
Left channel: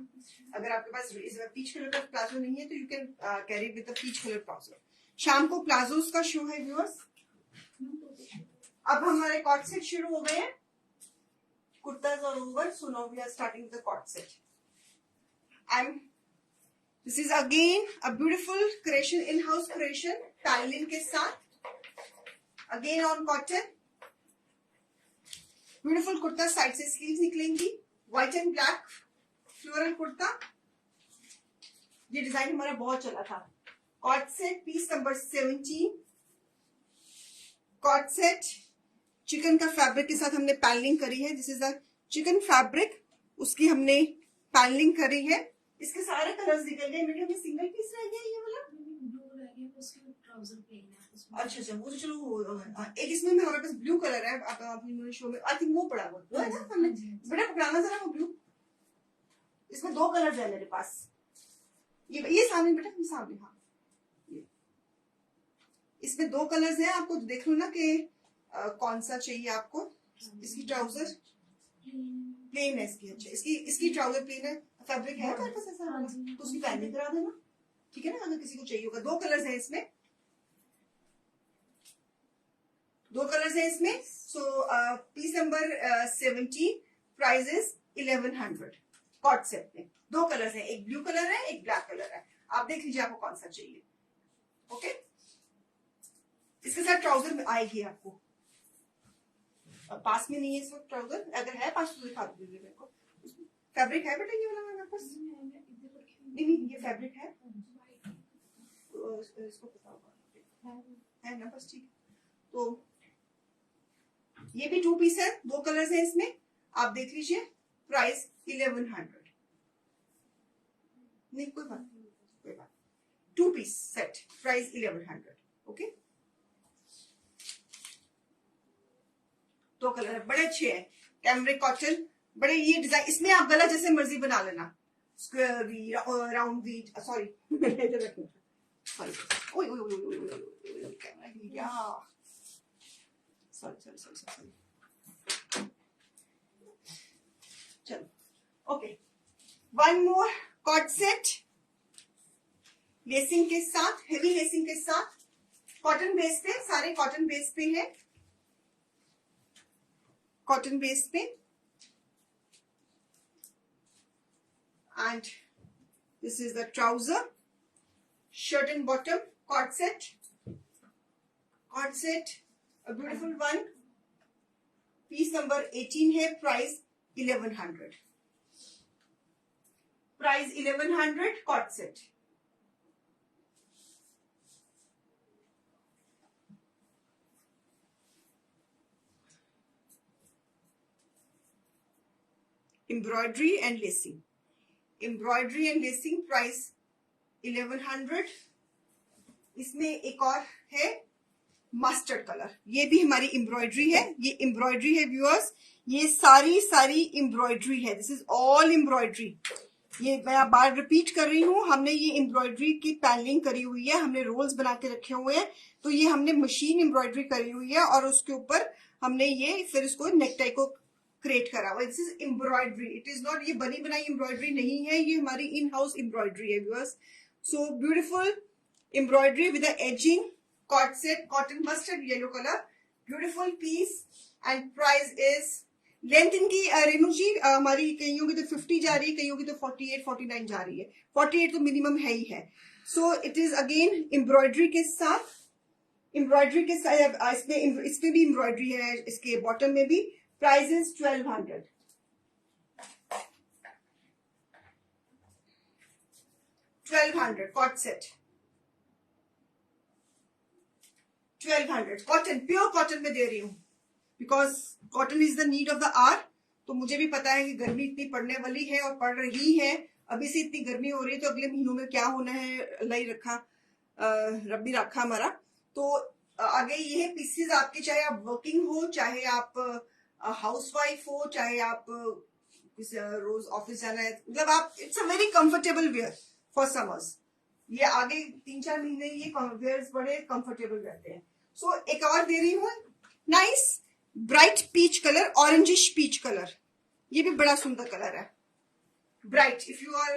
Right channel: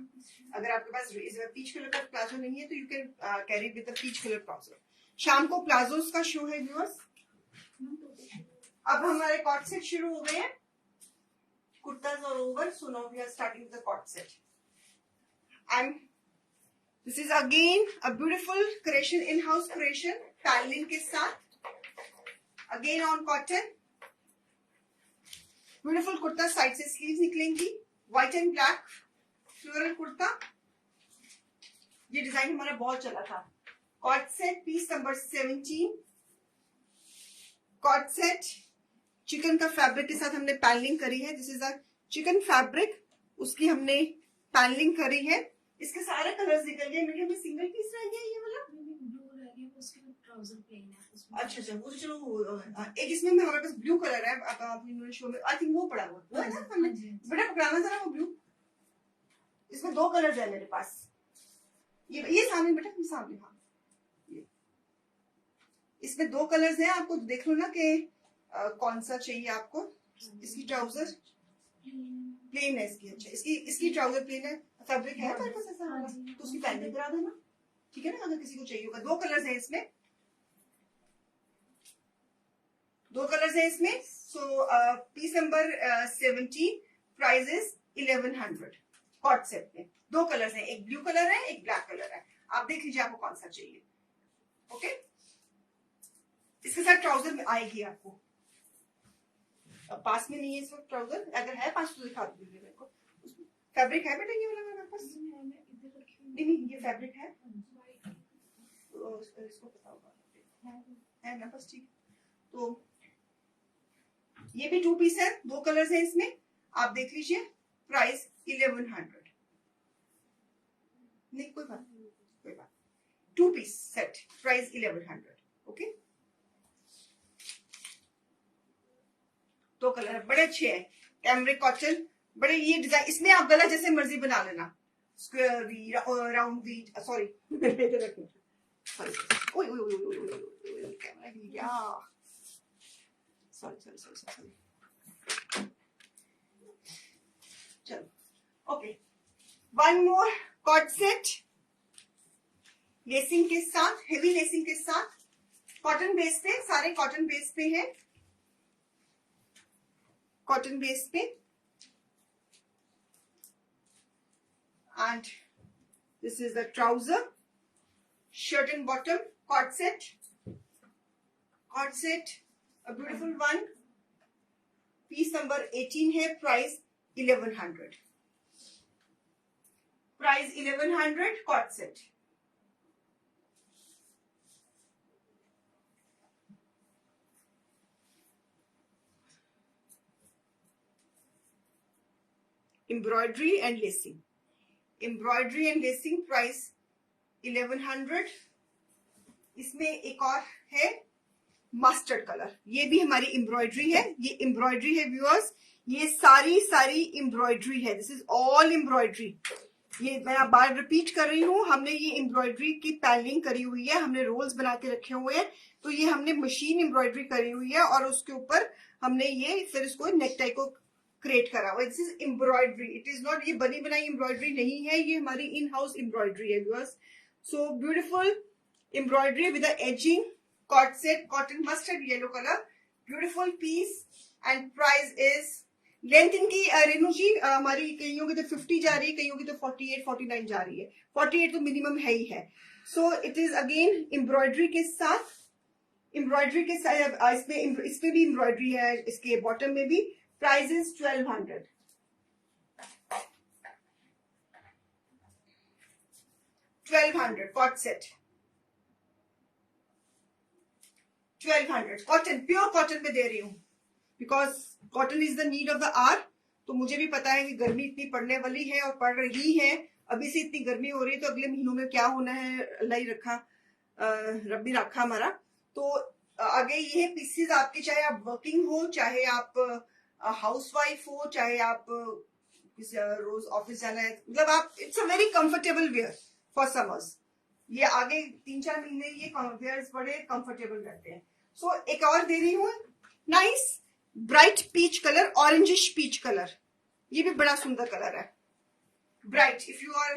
अगर आपके पास पीच कलर का प्लाजो नहीं है तो you can carry with the peach colour palazzo. शाम को प्लाजोस का शो है व्यूअर्स। अब हमारे कॉट सेट शुरू हो गए हैं, कुर्ताज और over. So now we are starting the co-ord set and this is again a beautiful creation, in house creation, tiling के साथ, again on cotton. Beautiful kurta, side से स्लीव्स निकलेंगी, white and black floral kurta. ये डिजाइन हमारा बहुत चला था। Co-ord set, piece number 17। Co-ord set chikan का फैब्रिक के साथ हमने पैनलिंग करी है, this is a chikan fabric, उसकी हमने पैनलिंग करी है। इसके सारे कलर्स निकल गए, मीडियम में सिंगल पीस रह गया ये वाला, ब्लू रह गया, उसके ट्राउजर प्लेन है। अच्छा अच्छा, वो तो चलो, एक इसमें हमारे पास ब्लू कलर है, आप अपनी शो में आई थिंक वो पड़ा हुआ है ना, हमने बेटा पकड़ाना जरा वो ब्लू। इसमें 2 कलर है मेरे पास, ये सामने बेटा, सामने, हाँ इसमें 2 कलर्स हैं, आपको देख लो ना कि कौन सा चाहिए आपको। इसकी ट्राउजर प्लेन है, इसकी अच्छा, इसकी ट्राउजर प्लेन है, फैब्रिक है आपके पास ऐसा वाला, तो उसकी पैनलिंग करा देना, ठीक है ना, अगर किसी को चाहिए होगा। 2 कलर्स हैं इसमें, 2 कलर्स हैं इसमें। So piece number 17, price is 1100। Cord set में 2 कलर्स हैं, एक ब्लू कलर है, एक ब्लैक कलर है, आप देख लीजिए आपको कौन सा चाहिए। ओके, इसके साथ ट्राउजर में आएगी आपको, पास में नहीं है इस वक्त ट्राउजर, अगर है पास तो दिखा दीजिए मेरे को। फैब्रिक है बेटा ये वाला मेरे पास? नहीं, ये फैब्रिक है, तो इसको पता होगा, है ना, बस ठीक। तो ये भी 2 पीस है, 2 कलर्स है इसमें, आप देख लीजिए, प्राइस 1100। नहीं कोई बात, 2 piece set, price 1100। Okay, 2 colour बड़े अच्छे हैं, कैमरिक कॉटन, बड़े ये डिजाइन, इसमें आप गला जैसे मर्जी बना लेना, square V, round V, sorry sorry, camera हिल गया, सॉरी। चलो okay, one more cord set lacing के साथ, हेवी लेसिंग के साथ, कॉटन बेस पे, सारे कॉटन बेस पे है, कॉटन बेस पे, and this is the trouser, shirt and bottom, cord set, a beautiful one, piece number 18 है, price 1100, cord set. Embroidery and lacing, price 1100. इसमें एक और है मस्टर्ड कलर, ये भी हमारी एम्ब्रॉयडरी है, ये एम्ब्रॉयडरी है व्यूअर्स, ये सारी एम्ब्रॉयडरी है, दिस इज ऑल एम्ब्रॉयडरी। ये मैं बार रिपीट कर रही हूँ, हमने ये एम्ब्रॉयडरी की पैनलिंग करी हुई है, हमने रोल्स बनाते रखे हुए हैं, तो ये हमने मशीन एम्ब्रॉयडरी करी हुई है और उसके ऊपर हमने ये फिर इसको नेकटाई को क्रिएट करा हुआ है। This is embroidery, it is not ये बनी बनाई एम्ब्रॉयडरी नहीं है, ये हमारी इन हाउस एम्ब्रॉयडरी है viewers. So beautiful embroidery with edging, co-ord set, cotton mustard yellow colour, beautiful piece and price is, length इनकी रेनू जी हमारी कईयों की तो 50 जा रही है, कईयों की तो 48 49 जा रही है, 48 तो मिनिमम है ही है। So it is again embroidery के साथ, इसमें भी एम्ब्रॉयडरी है, इसके बॉटम में भी। Price is 1200, 1200 co-ord set, 1200 cotton, pure cotton में दे रही हूँ, because cotton is the need of the hour. तो मुझे भी पता है कि गर्मी इतनी पड़ने वाली है और पड़ रही है, अभी से इतनी गर्मी हो रही है, तो अगले महीनों में क्या होना है अल्लाह ही रखा, रब्बी रखा हमारा। तो आगे ये पीसेस आपके, चाहे आप वर्किंग हो, चाहे आप हाउसवाइफ हो, चाहे आप रोज ऑफिस जाना है, मतलब आप, it's a very comfortable wear for summers. ये आगे 3-4 महीने ये वेयर्स बड़े कंफर्टेबल रहते हैं। सो एक और दे रही हूँ, nice bright peach colour, orangish peach colour, ये भी बड़ा सुंदर कलर है, bright. If you are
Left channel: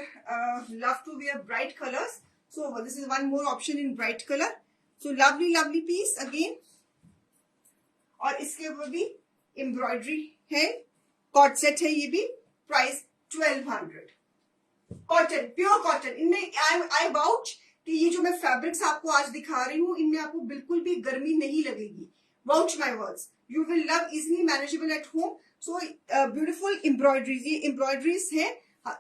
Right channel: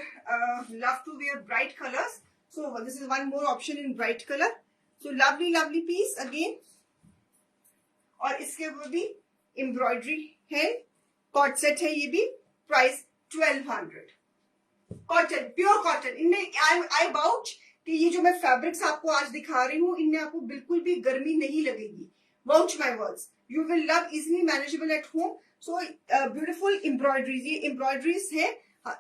love to wear bright colours, so this is one more option in bright colour. So lovely piece again, और इसके ऊपर भी एम्ब्रॉयडरी है, कॉट सेट है ये भी, प्राइस 1200, कॉटन, प्योर कॉटन। इनमें आई अबाउट कि ये जो मैं फैब्रिक्स आपको आज दिखा रही हूँ, इनमें आपको बिल्कुल भी गर्मी नहीं लगेगी, vouch my words, you will love, easily manageable at home. So beautiful embroideries, ये एम्ब्रॉयडरीज है,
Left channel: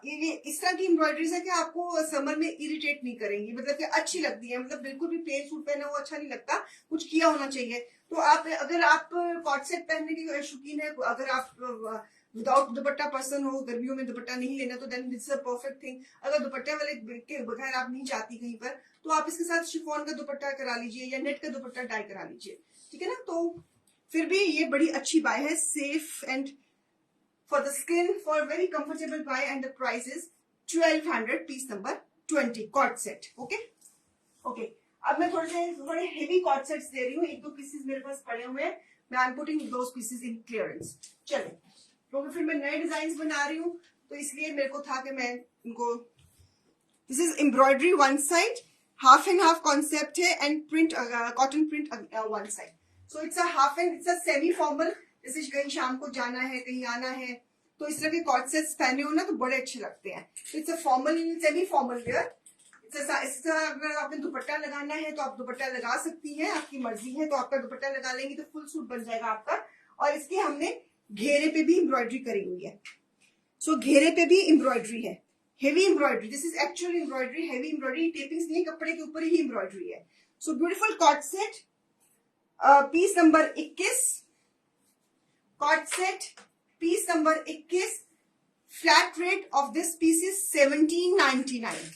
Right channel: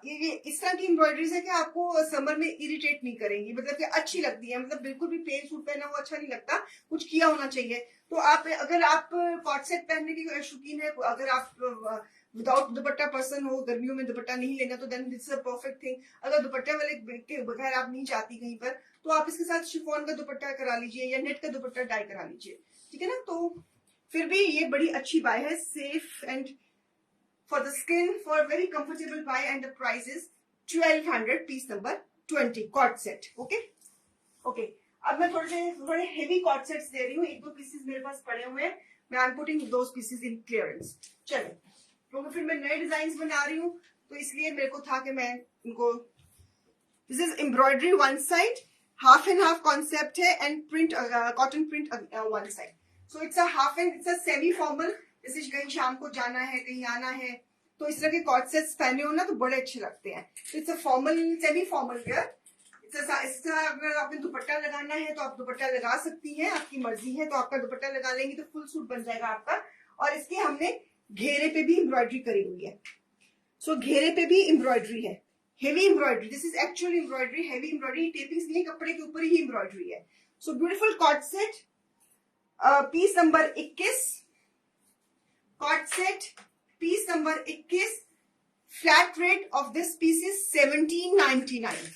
ये इस तरह की एम्ब्रॉयडरीज है कि आपको समर में इरिटेट नहीं करेंगी, मतलब कि अच्छी लगती है, मतलब बिल्कुल भी प्लेन सूट पहना हुआ अच्छा नहीं लगता, कुछ किया होना चाहिए। तो आप, अगर आप कॉट सेट पहनने की शौकीन है, अगर आप विदाउट दुपट्टा पर्सन हो, गर्मियों में दुपट्टा नहीं लेना, तो then this is a perfect thing. अगर दुपट्टे वाले के बगैर आप नहीं जाती कहीं पर, तो आप इसके साथ शिफॉन का दुपट्टा करा लीजिए या नेट का दुपट्टा डाई करा लीजिए, ठीक है ना। तो फिर भी ये बड़ी अच्छी बाय है, safe and for the skin, for a very comfortable buy, and the price is 1200, piece number 20, cord set. Okay. अब मैं थोड़े हेवी कॉट सेट्स दे रही हूँ, 1-2 पीसेस मेरे पास पड़े हुए हैं, मैं आई am putting those pieces in clearance. चलो, क्योंकि फिर मैं नए डिजाइन बना रही हूँ, तो इसलिए मेरे को था कि मैं इनको, this is embroidery one side, half and half concept है, and print, cotton print one side. So it's a half and, it's a semi formal, जैसे कहीं शाम को जाना है, कहीं आना है, तो इस तरह के कॉट सेट्स पहने हो ना तो बड़े अच्छे लगते हैं। तो it's a formal, semi formal wear. इस तरह अगर आपने दुपट्टा लगाना है तो आप दुपट्टा लगा सकती हैं, आपकी मर्जी है, तो आपका दुपट्टा लगा लेंगे तो फुल सूट बन जाएगा आपका। और इसके हमने घेरे पे भी एम्ब्रॉयडरी करी हुई है, सो घेरे पे भी एम्ब्रॉयडरी है, heavy embroidery, this is actual embroidery, heavy embroidery, tapings नहीं, कपड़े के ऊपर ही एम्ब्रॉयडरी है। So beautiful co-ord set, piece number 21, co-ord set piece number 21, flat rate of this piece is 1799,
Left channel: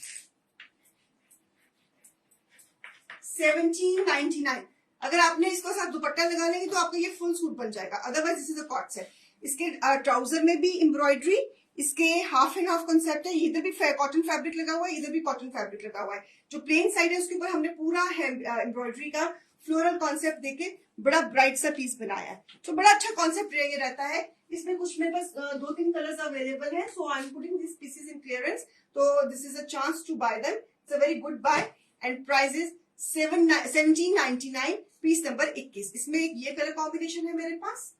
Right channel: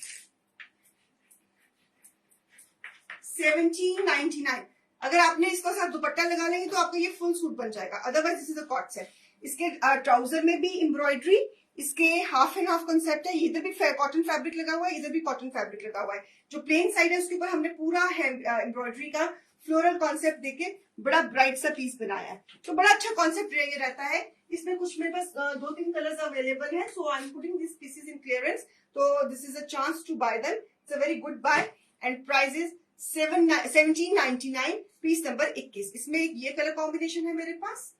1799। अगर आपने इसको साथ दुपट्टा लगा लेंगे तो आपका ये फुल सूट बन जाएगा, otherwise this is a co-ord set. इसके ट्राउजर में भी एम्ब्रॉयडरी, इसके हाफ एंड हाफ कॉन्सेप्ट है, इधर भी कॉटन फैब्रिक लगा हुआ है, इधर भी कॉटन फैब्रिक लगा हुआ है। जो प्लेन साइड है उसके ऊपर हमने पूरा एम्ब्रॉयडरी का फ्लोरल कॉन्सेप्ट देके बड़ा ब्राइट सा पीस बनाया है, तो बड़ा अच्छा कॉन्सेप्ट रहता है। इसमें कुछ मेरे पास 2-3 कलर्स अवेलेबल है, so I am putting this pieces in clearance, तो this is a chance to buy them, it's a very good buy and price is 1799, piece number 21। इसमें एक ये कलर कॉम्बिनेशन है मेरे पास,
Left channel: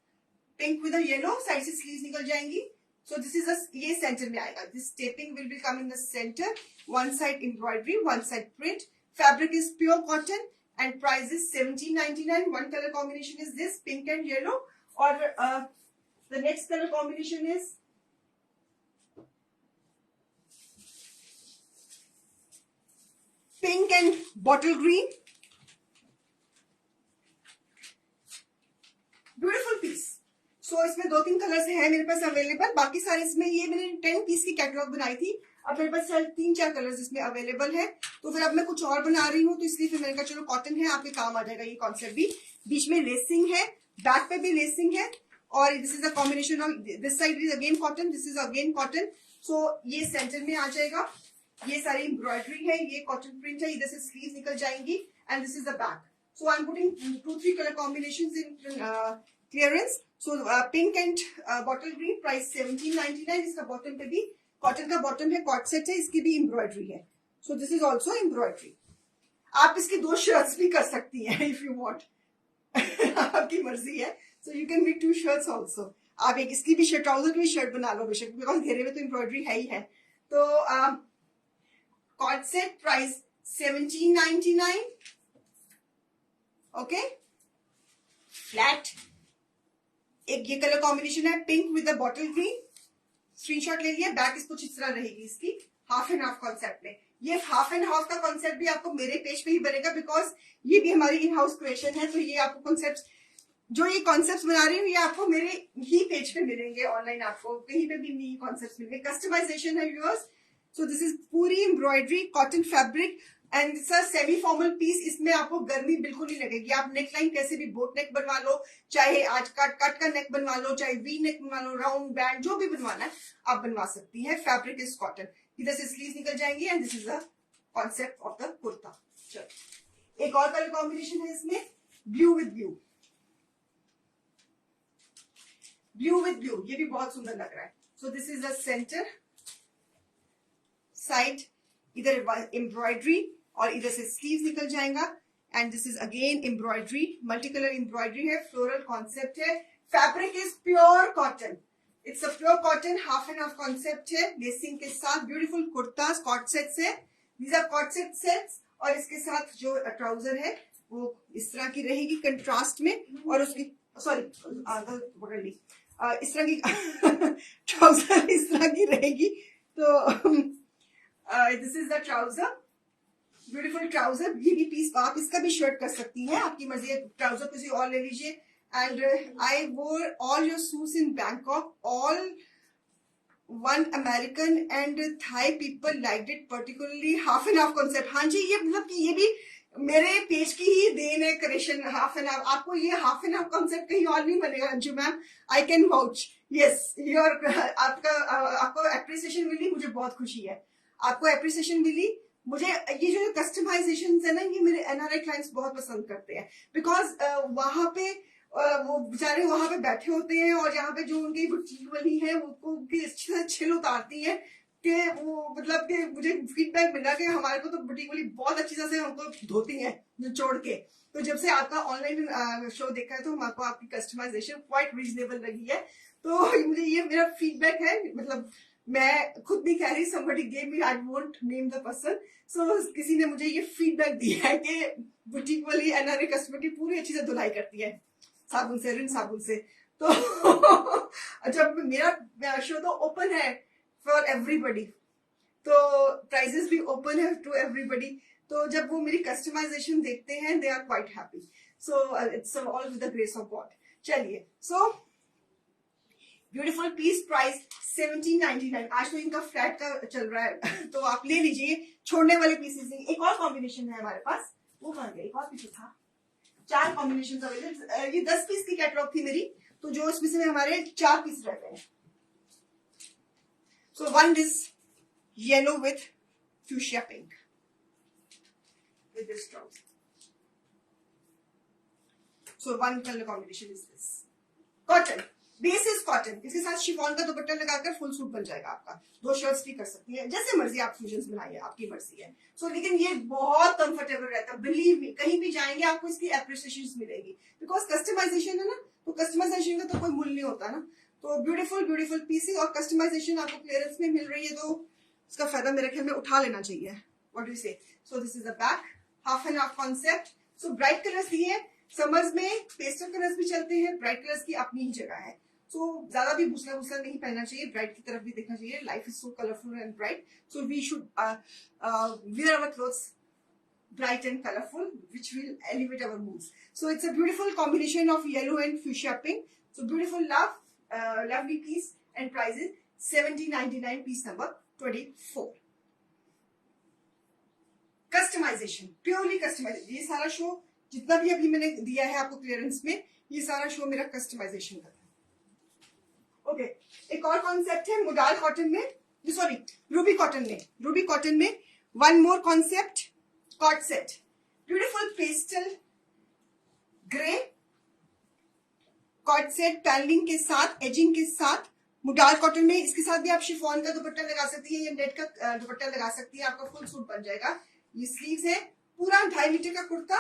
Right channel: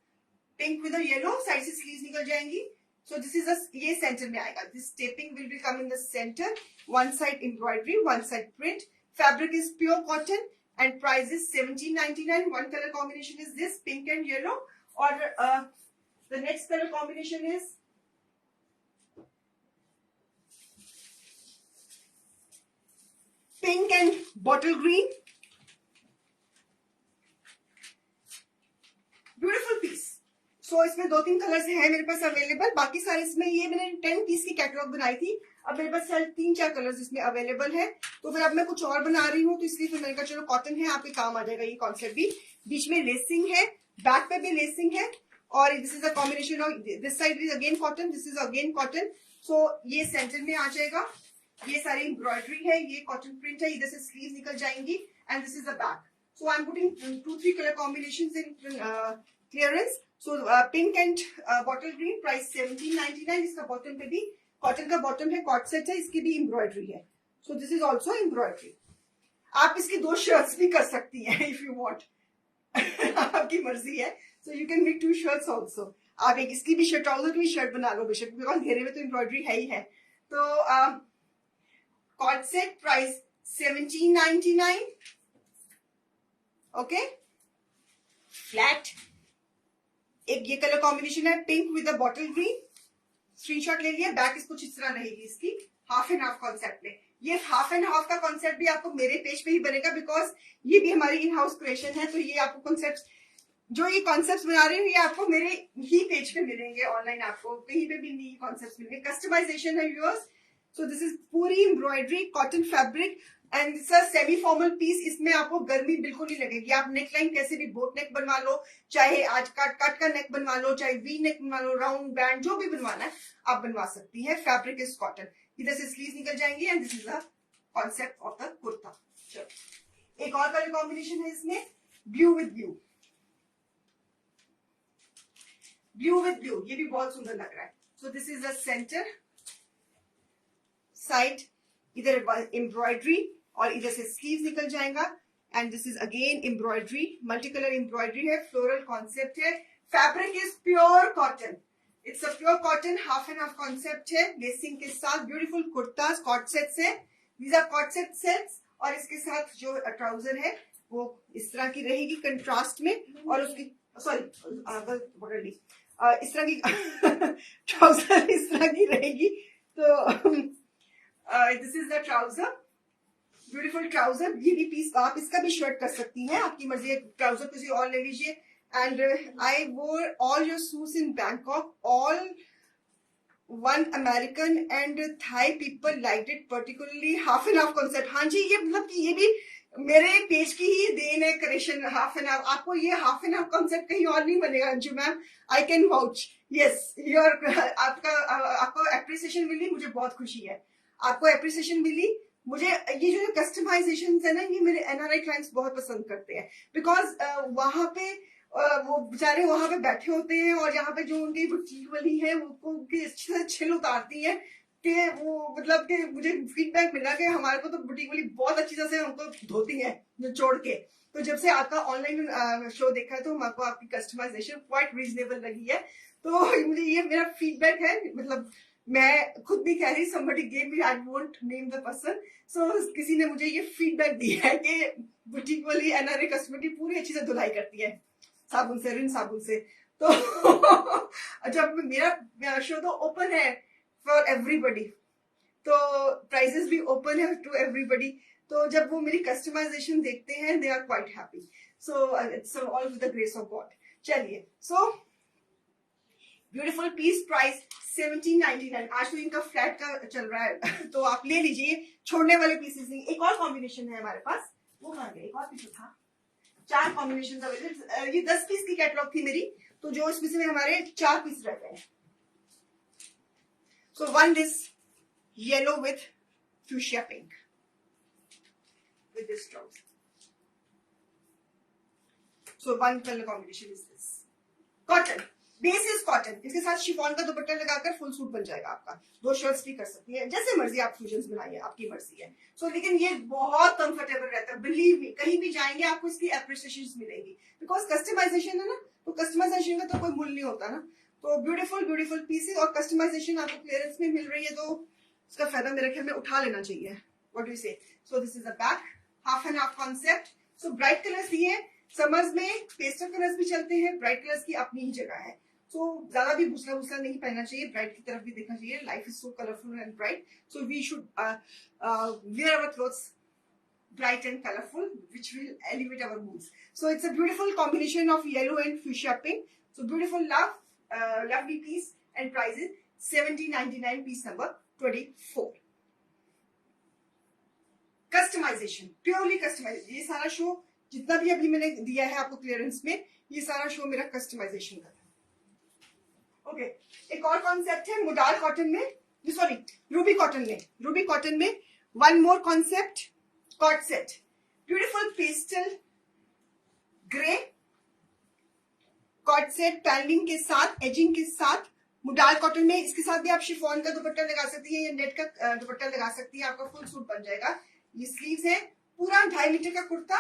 पिंक विद येलो, साइड से स्लीव्स निकल जाएंगी। सो दिस इज ये सेंटर में आएगा, this taping will be come in the centre, one side embroidery, one side print, fabric is pure cotton and price is 1799. One color combination is this, pink and yellow, or the next color combination is pink and bottle green. Beautiful piece. So इसमें 2-3 कलर्स है मेरे पास अवेलेबल, बाकी सारे इसमें, ये मैंने 10 पीस की कैटलॉग बनाई थी, अब मेरे पास 3-4 कलर्स इसमें अवेलेबल है, तो फिर अब मैं कुछ और बना रही हूँ, तो इसलिए फिर मैंने कहा चलो कॉटन है, आपके काम आ जाएगा ये कॉन्सेप्ट भी। बीच में लेसिंग है, बैक पे भी लेसिंग है, और this is a combination of, this side is again cotton, this is again cotton, so ये सेंटर में आ जाएगा। ये सारी एम्ब्रॉयडरी है, ये कॉटन प्रिंट है, इधर से स्लीव निकल जाएंगी, and this is the back. So I am putting 2-3 colour combination in clearance. So pink and bottle green, price 1799। इसका बॉटम पे भी कॉटन का बॉटम है, कॉट सेट है, इसकी भी एम्ब्रॉयडरी है, so this is also embroidery. आप इसकी 2 शर्ट्स भी कर सकती हैं इफ यू वांट आपकी मर्जी है, so you can make 2 shirts also. आप एक इसकी भी शर्ट, ट्राउजर की भी शर्ट बना लो बेशक, बिकॉज घेरे में तो एम्ब्रॉयडरी है ही है। तो co-ord set price 1799, okay. Flat एक ये कलर कॉम्बिनेशन है, pink with the bottle green, screenshot ले लिया। बैक इसको इस तरह रहेगी, इसकी हाफ एंड हाफ कॉन्सेप्ट में। ये हाफ एंड हाफ का कॉन्सेप्ट भी आपको मेरे पेज पे ही बनेगा, बिकॉज ये भी हमारी इन हाउस क्रिएशन है, तो ये आपको कॉन्सेप्ट, जो ये कॉन्सेप्ट बना रही हूँ, ये आपको मेरे ही पेज पे मिलेंगे, ऑनलाइन आपको कहीं पे भी नहीं कॉन्सेप्ट मिलेंगे। कस्टमाइजेशन है व्यूअर्स, सो दिस इज पूरी embroidery, cotton fabric and sir semi formal piece. इसमें आपको गर्मी बिल्कुल नहीं लगेगी। आप नेक लाइन कैसे भी बोट नेक बनवा लो, चाहे आज कट का नेक बनवा लो, चाहे वी नेक बनवा लो, राउंड बैंड, जो भी बनवाना है आप बनवा सकती हैं। फैब्रिक इज कॉटन, इधर से स्लीव निकल जाएंगी, and this is the concept of the kurta. चलो एक और कलर कॉम्बिनेशन है इसमें, blue with blue, blue with blue, ये भी बहुत सुंदर लग रहा है। So this is the centre, side इधर एम्ब्रॉयडरी और इधर से स्लीव निकल जाएगा, and this is again embroidery, multi colour embroidery है, फ्लोरल कॉन्सेप्ट है। Fabric is pure cotton, it's a pure cotton, half and half concept है, लेसिंग के साथ ब्यूटीफुल कुर्ता कॉट सेट्स है, these are co-ord set sets. और इसके साथ जो ट्राउजर है वो इस तरह की रहेगी कंट्रास्ट में, और उसकी सॉरी पकड़ ली, इस तरह की ट्राउजर इस तरह की रहेगी। तो this is the trouser, beautiful trouser. ये भी पीस आप इसका भी शर्ट कर सकती हैं, आपकी मर्जी है, ट्राउजर किसी और ले लीजिए। And I wore all your suits in Bangkok, all one American and Thai people like it, particularly half and half concept. हाँ जी, ये मतलब कि ये भी मेरे पेज की ही देन है क्रिएशन, हाफ एंड हाफ। आपको ये हाफ एंड हाफ कॉन्सेप्ट कहीं और नहीं बनेगा Anju ma'am, I can vouch. Yes, your आपको एप्रिसिएशन मिली, मुझे बहुत खुशी है, आपको एप्रिसिएशन मिली। मुझे ये जो कस्टमाइजेशन है ना, ये मेरे एनआरआई क्लाइंट्स बहुत पसंद करते हैं, बिकॉज वहां पे वो बेचारे वहां पे बैठे होते हैं, और यहाँ पे जो उनकी बुटीक वाली है वो उनकी छिल उतारती है, कि वो मतलब कि मुझे फीडबैक मिला कि हमारे को तो बुटीक वाली बहुत अच्छी तरह से हमको धोती है निचोड़ के। तो जब से आपका ऑनलाइन शो देखा है तो हमको आपकी कस्टमाइजेशन क्वाइट रीजनेबल लगी है, तो मुझे ये मेरा फीडबैक है। मतलब मैं खुद भी कह रही, somebody gave me, I won't name the person, so किसी ने मुझे ये फीडबैक दिया है कि बुटीक वाली एनआरआई कस्टमर की पूरी अच्छी से धुलाई करती है साबुन से, रिन साबुन से। तो जब मेरा शो तो ओपन है फॉर एवरीबडी, तो प्राइजेस भी ओपन है टू एवरीबडी, तो जब वो मेरी कस्टमाइजेशन देखते हैं they are quite happy, so it's all with the grace of God. चलिए, सो ब्यूटीफुल पीस, प्राइस 1799। आज तो इनका फ्लैट का चल रहा है तो आप ले लीजिए, छोड़ने वाले पीसेस नहीं। एक और कॉम्बिनेशन है हमारे पास, वो बन गया, एक और पीस था, 4 कॉम्बिनेशन अवेलेबल। ये 10 पीस की कैटलॉग थी मेरी, तो जो इसमें से हमारे 4 पीस रह गए। So one is yellow with fuchsia pink with this trouser. So one color combination is this. Cotton, base is cotton, इसके साथ शिफॉन का दुपट्टा लगाकर फुल सूट बन जाएगा आपका। 2 शर्ट्स भी कर सकती है, जैसे मर्जी आप फ्यूजन्स बनाइए, आपकी मर्जी है। सो लेकिन ये बहुत कंफर्टेबल रहता है, बिलीव मी, कहीं भी जाएंगे आपको इसकी एप्रिसिएशन मिलेगी, बिकॉज कस्टमाइजेशन है ना, तो कस्टमाइजेशन का तो कोई मूल्य नहीं होता ना। तो ब्यूटीफुल ब्यूटीफुल पीसेस और कस्टमाइजेशन आपको क्लियरेंस में मिल रही है, तो इसका फायदा मेरे ख्याल में उठा लेना चाहिए। व्हाट डू यू से? सो this is the back, half and half concept. So bright colours दिए, समर्स में पेस्टल कलर्स भी चलते हैं, ब्राइट कलर्स की अपनी ही जगह है। सो ज्यादा भी भूसला भूसला नहीं पहनना चाहिए, ब्राइट की तरफ भी देखना चाहिए। Life is so colourful and bright, so we should wear our clothes bright and colorful, which will elevate our moods. So it's a beautiful combination of yellow and fuchsia pink. So beautiful, lovely piece, and price is 17.99, piece number 24. Customization, purely customization. ये सारा शो जितना भी अभी मैंने दिया है आपको क्लियरेंस में, ये सारा शो मेरा कस्टमाइजेशन का था। ओके, एक और कॉन्सेप्ट है मुदाल कॉटन में, सॉरी रूबी कॉटन में one more concept, co-ord set, beautiful pastel grey co-ord set, panelling के साथ, एजिंग के साथ, मुडाल कॉटन में। इसके साथ भी आप शिफॉन का दुपट्टा लगा सकती है या नेट का दुपट्टा लगा सकती है, आपका फुल सूट बन जाएगा। ये स्लीव्स है, पूरा 2.5 मीटर का kurta,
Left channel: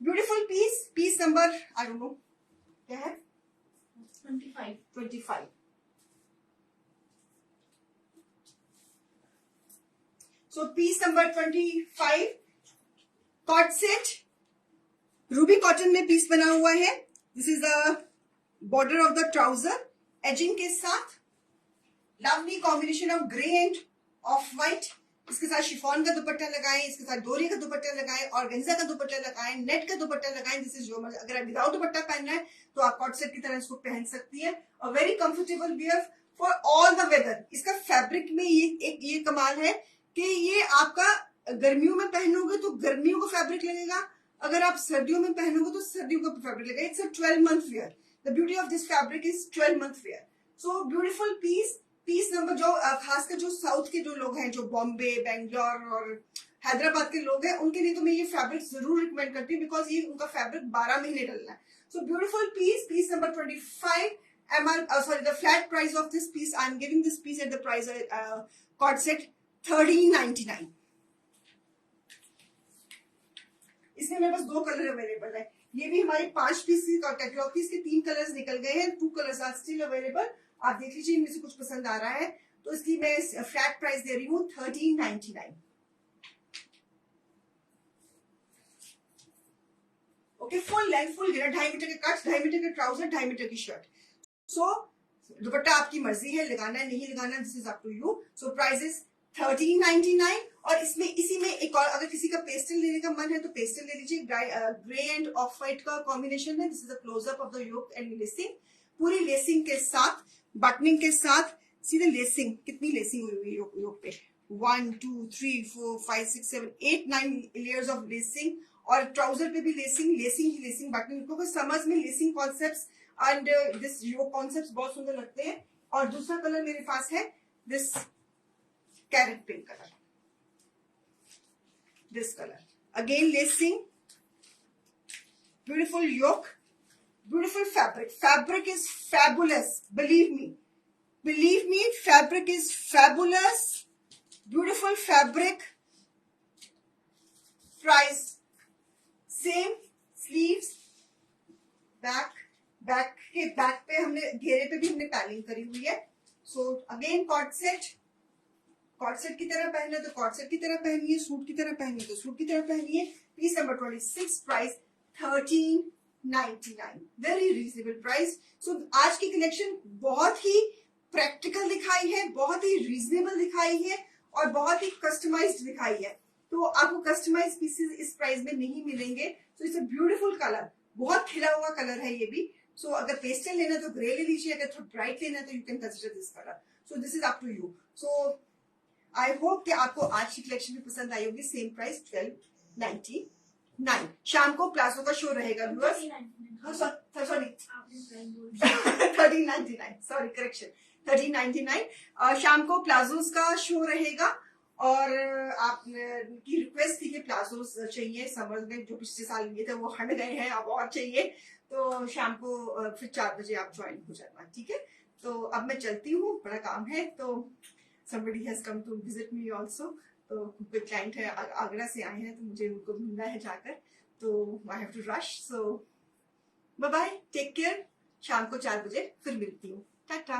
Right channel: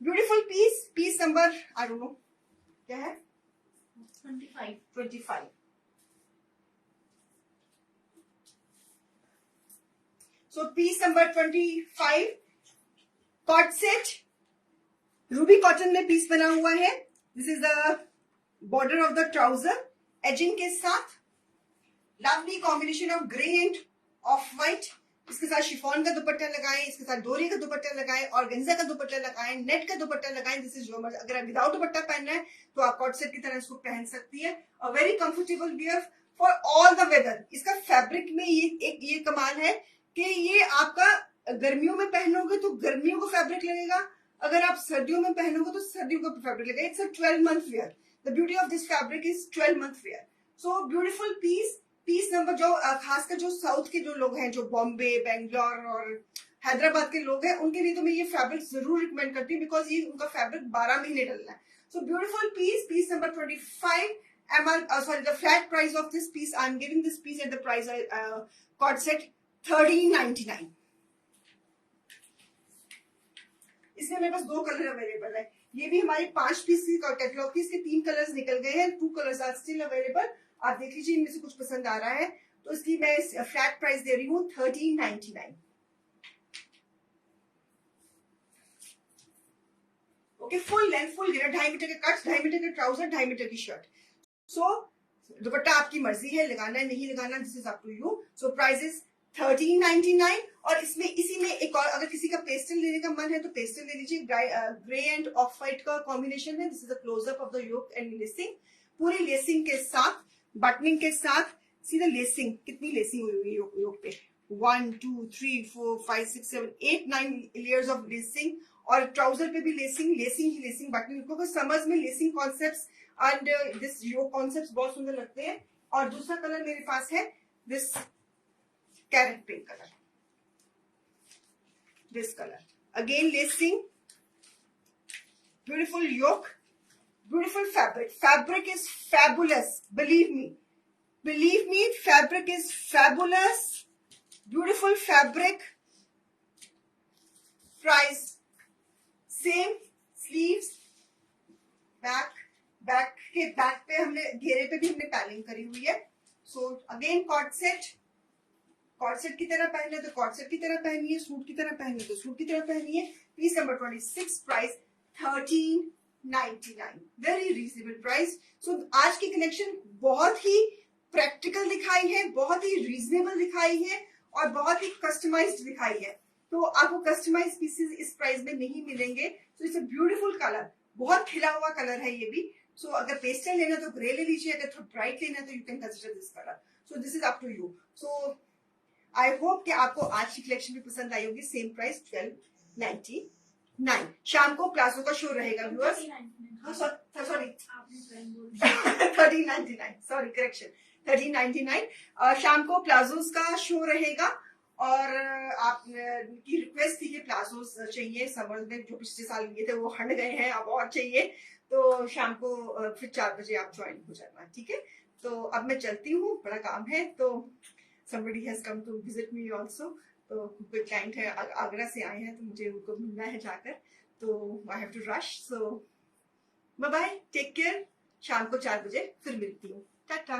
beautiful piece, piece number I don't know क्या है, 25। So piece number 25, cot set, ruby cotton में पीस बना हुआ है। This is the border of the trouser, edging के साथ, lovely combination of grey and off white. इसके साथ शिफॉन का दुपट्टा लगाएं, इसके साथ डोरी का दुपट्टा लगाएं, ऑर्गेन्जा का दुपट्टा लगाएं, नेट का दुपट्टा लगाएं। दिस इज योर, अगर विदाउट दुपट्टा पहनना है तो आप कॉट सेट की तरह इसको पहन सकती है, और very comfortable wear for all the weather. इसका फैब्रिक में ये कमाल है कि ये आपका गर्मियों में पहनोगे तो गर्मियों को फैब्रिक लगेगा, अगर आप सर्दियों में पहनोगे तो सर्दियों को फैब्रिक लगेगा। It's a 12 month wear, the beauty of this fabric is 12 month wear. So beautiful piece, piece number, जो खासकर जो साउथ के जो लोग हैं, जो बॉम्बे, बेंगलोर और हैदराबाद के लोग हैं, उनके लिए तो मैं ये फैब्रिक जरूर रिकमेंड करती हूँ, बिकॉज ये उनका फैब्रिक 12 महीने डलना है। So beautiful piece, piece number 25, sorry, the flat price of this piece, I'm giving this piece at the price cord set 13.99. इसमें मेरे पास 2 कलर अवेलेबल है, ये भी हमारे 5 पीस की कैटलॉग की, इसके 3 कलर्स निकल गए हैं, 2 कलर्स आर स्टिल अवेलेबल। आप देख लीजिए, इनमें से कुछ पसंद आ रहा है तो इसकी मैं फ्लैट प्राइस दे रही हूँ 13.99। ओके, फुल लेंथ, फुल घेरा, 2.5 मीटर के कट, 2.5 मीटर के ट्राउजर, 2.5 मीटर की शर्ट। सो दुपट्टा आपकी मर्जी है, लगाना है नहीं लगाना, this is up to you. So price is 13.99। और इसमें इसी में एक और, अगर किसी का पेस्टल लेने का मन है तो पेस्टल ले लीजिए, ग्रे एंड ऑफ व्हाइट का कॉम्बिनेशन है। This is a closeup of the yoke and lacing, पूरी लेसिंग के साथ, बटनिंग के साथ, सीधे लेसिंग, कितनी लेसिंग हुई हुई है योक पे, 1 2 3 4 5 6 7 8 9 लेयर्स ऑफ लेसिंग, और ट्राउजर पे भी लेसिंग, बटनिंग को समझ में lacing concepts and this yoke concepts बहुत सुंदर लगते हैं। और दूसरा कलर मेरे पास है this carrot pink colour, this color, again lacing, beautiful yoke, beautiful fabric is fabulous, believe me, fabric is fabulous, beautiful fabric, price same, sleeves, back पे हमने घेरे पे भी हमने पैलिंग करी हुई है। सो अगेन कॉट सेट की तरह पहनना है तो कॉट सेट की तरह पहनिए, सूट की तरह पहनिए तो सूट की तरह पहनिए। Piece number 26, price 13.99, very reasonable price. सो आज की कलेक्शन बहुत ही प्रैक्टिकल दिखाई है, बहुत ही रीजनेबल दिखाई है और बहुत ही कस्टमाइज्ड दिखाई है। तो आपको कस्टमाइज पीसेस इस प्राइस में नहीं मिलेंगे। सो इट्स अ ब्यूटीफुल कलर, बहुत खिला हुआ कलर है ये भी। सो अगर पेस्टल लेना तो ग्रे ले लीजिए, अगर थोड़ा ब्राइट लेना तो you can consider this colour. So this is up to you. So I hope कि आपको आज की कलेक्शन भी पसंद आई होगी। Same price 12.99। शाम को प्लाजो का शो रहेगा व्यूअर्स, सॉरी 13.99, सॉरी करेक्शन, 1399। शाम को प्लाजोस का शो रहेगा और आप की रिक्वेस्ट थी कि प्लाजोस चाहिए समर में, जो पिछले साल लिए थे वो हट गए हैं, अब और चाहिए, तो शाम को फिर 4 बजे आप ज्वाइन हो जाना, ठीक है। तो अब मैं चलती हूँ, बड़ा काम है। तो somebody has come to visit me also, तो कोई क्लाइंट है आगरा से आए हैं, तो मुझे उनको मिलना है जाकर, तो I have to rush. So bye bye, take care, शाम को 4 बजे फिर मिलती हूँ, टाटा।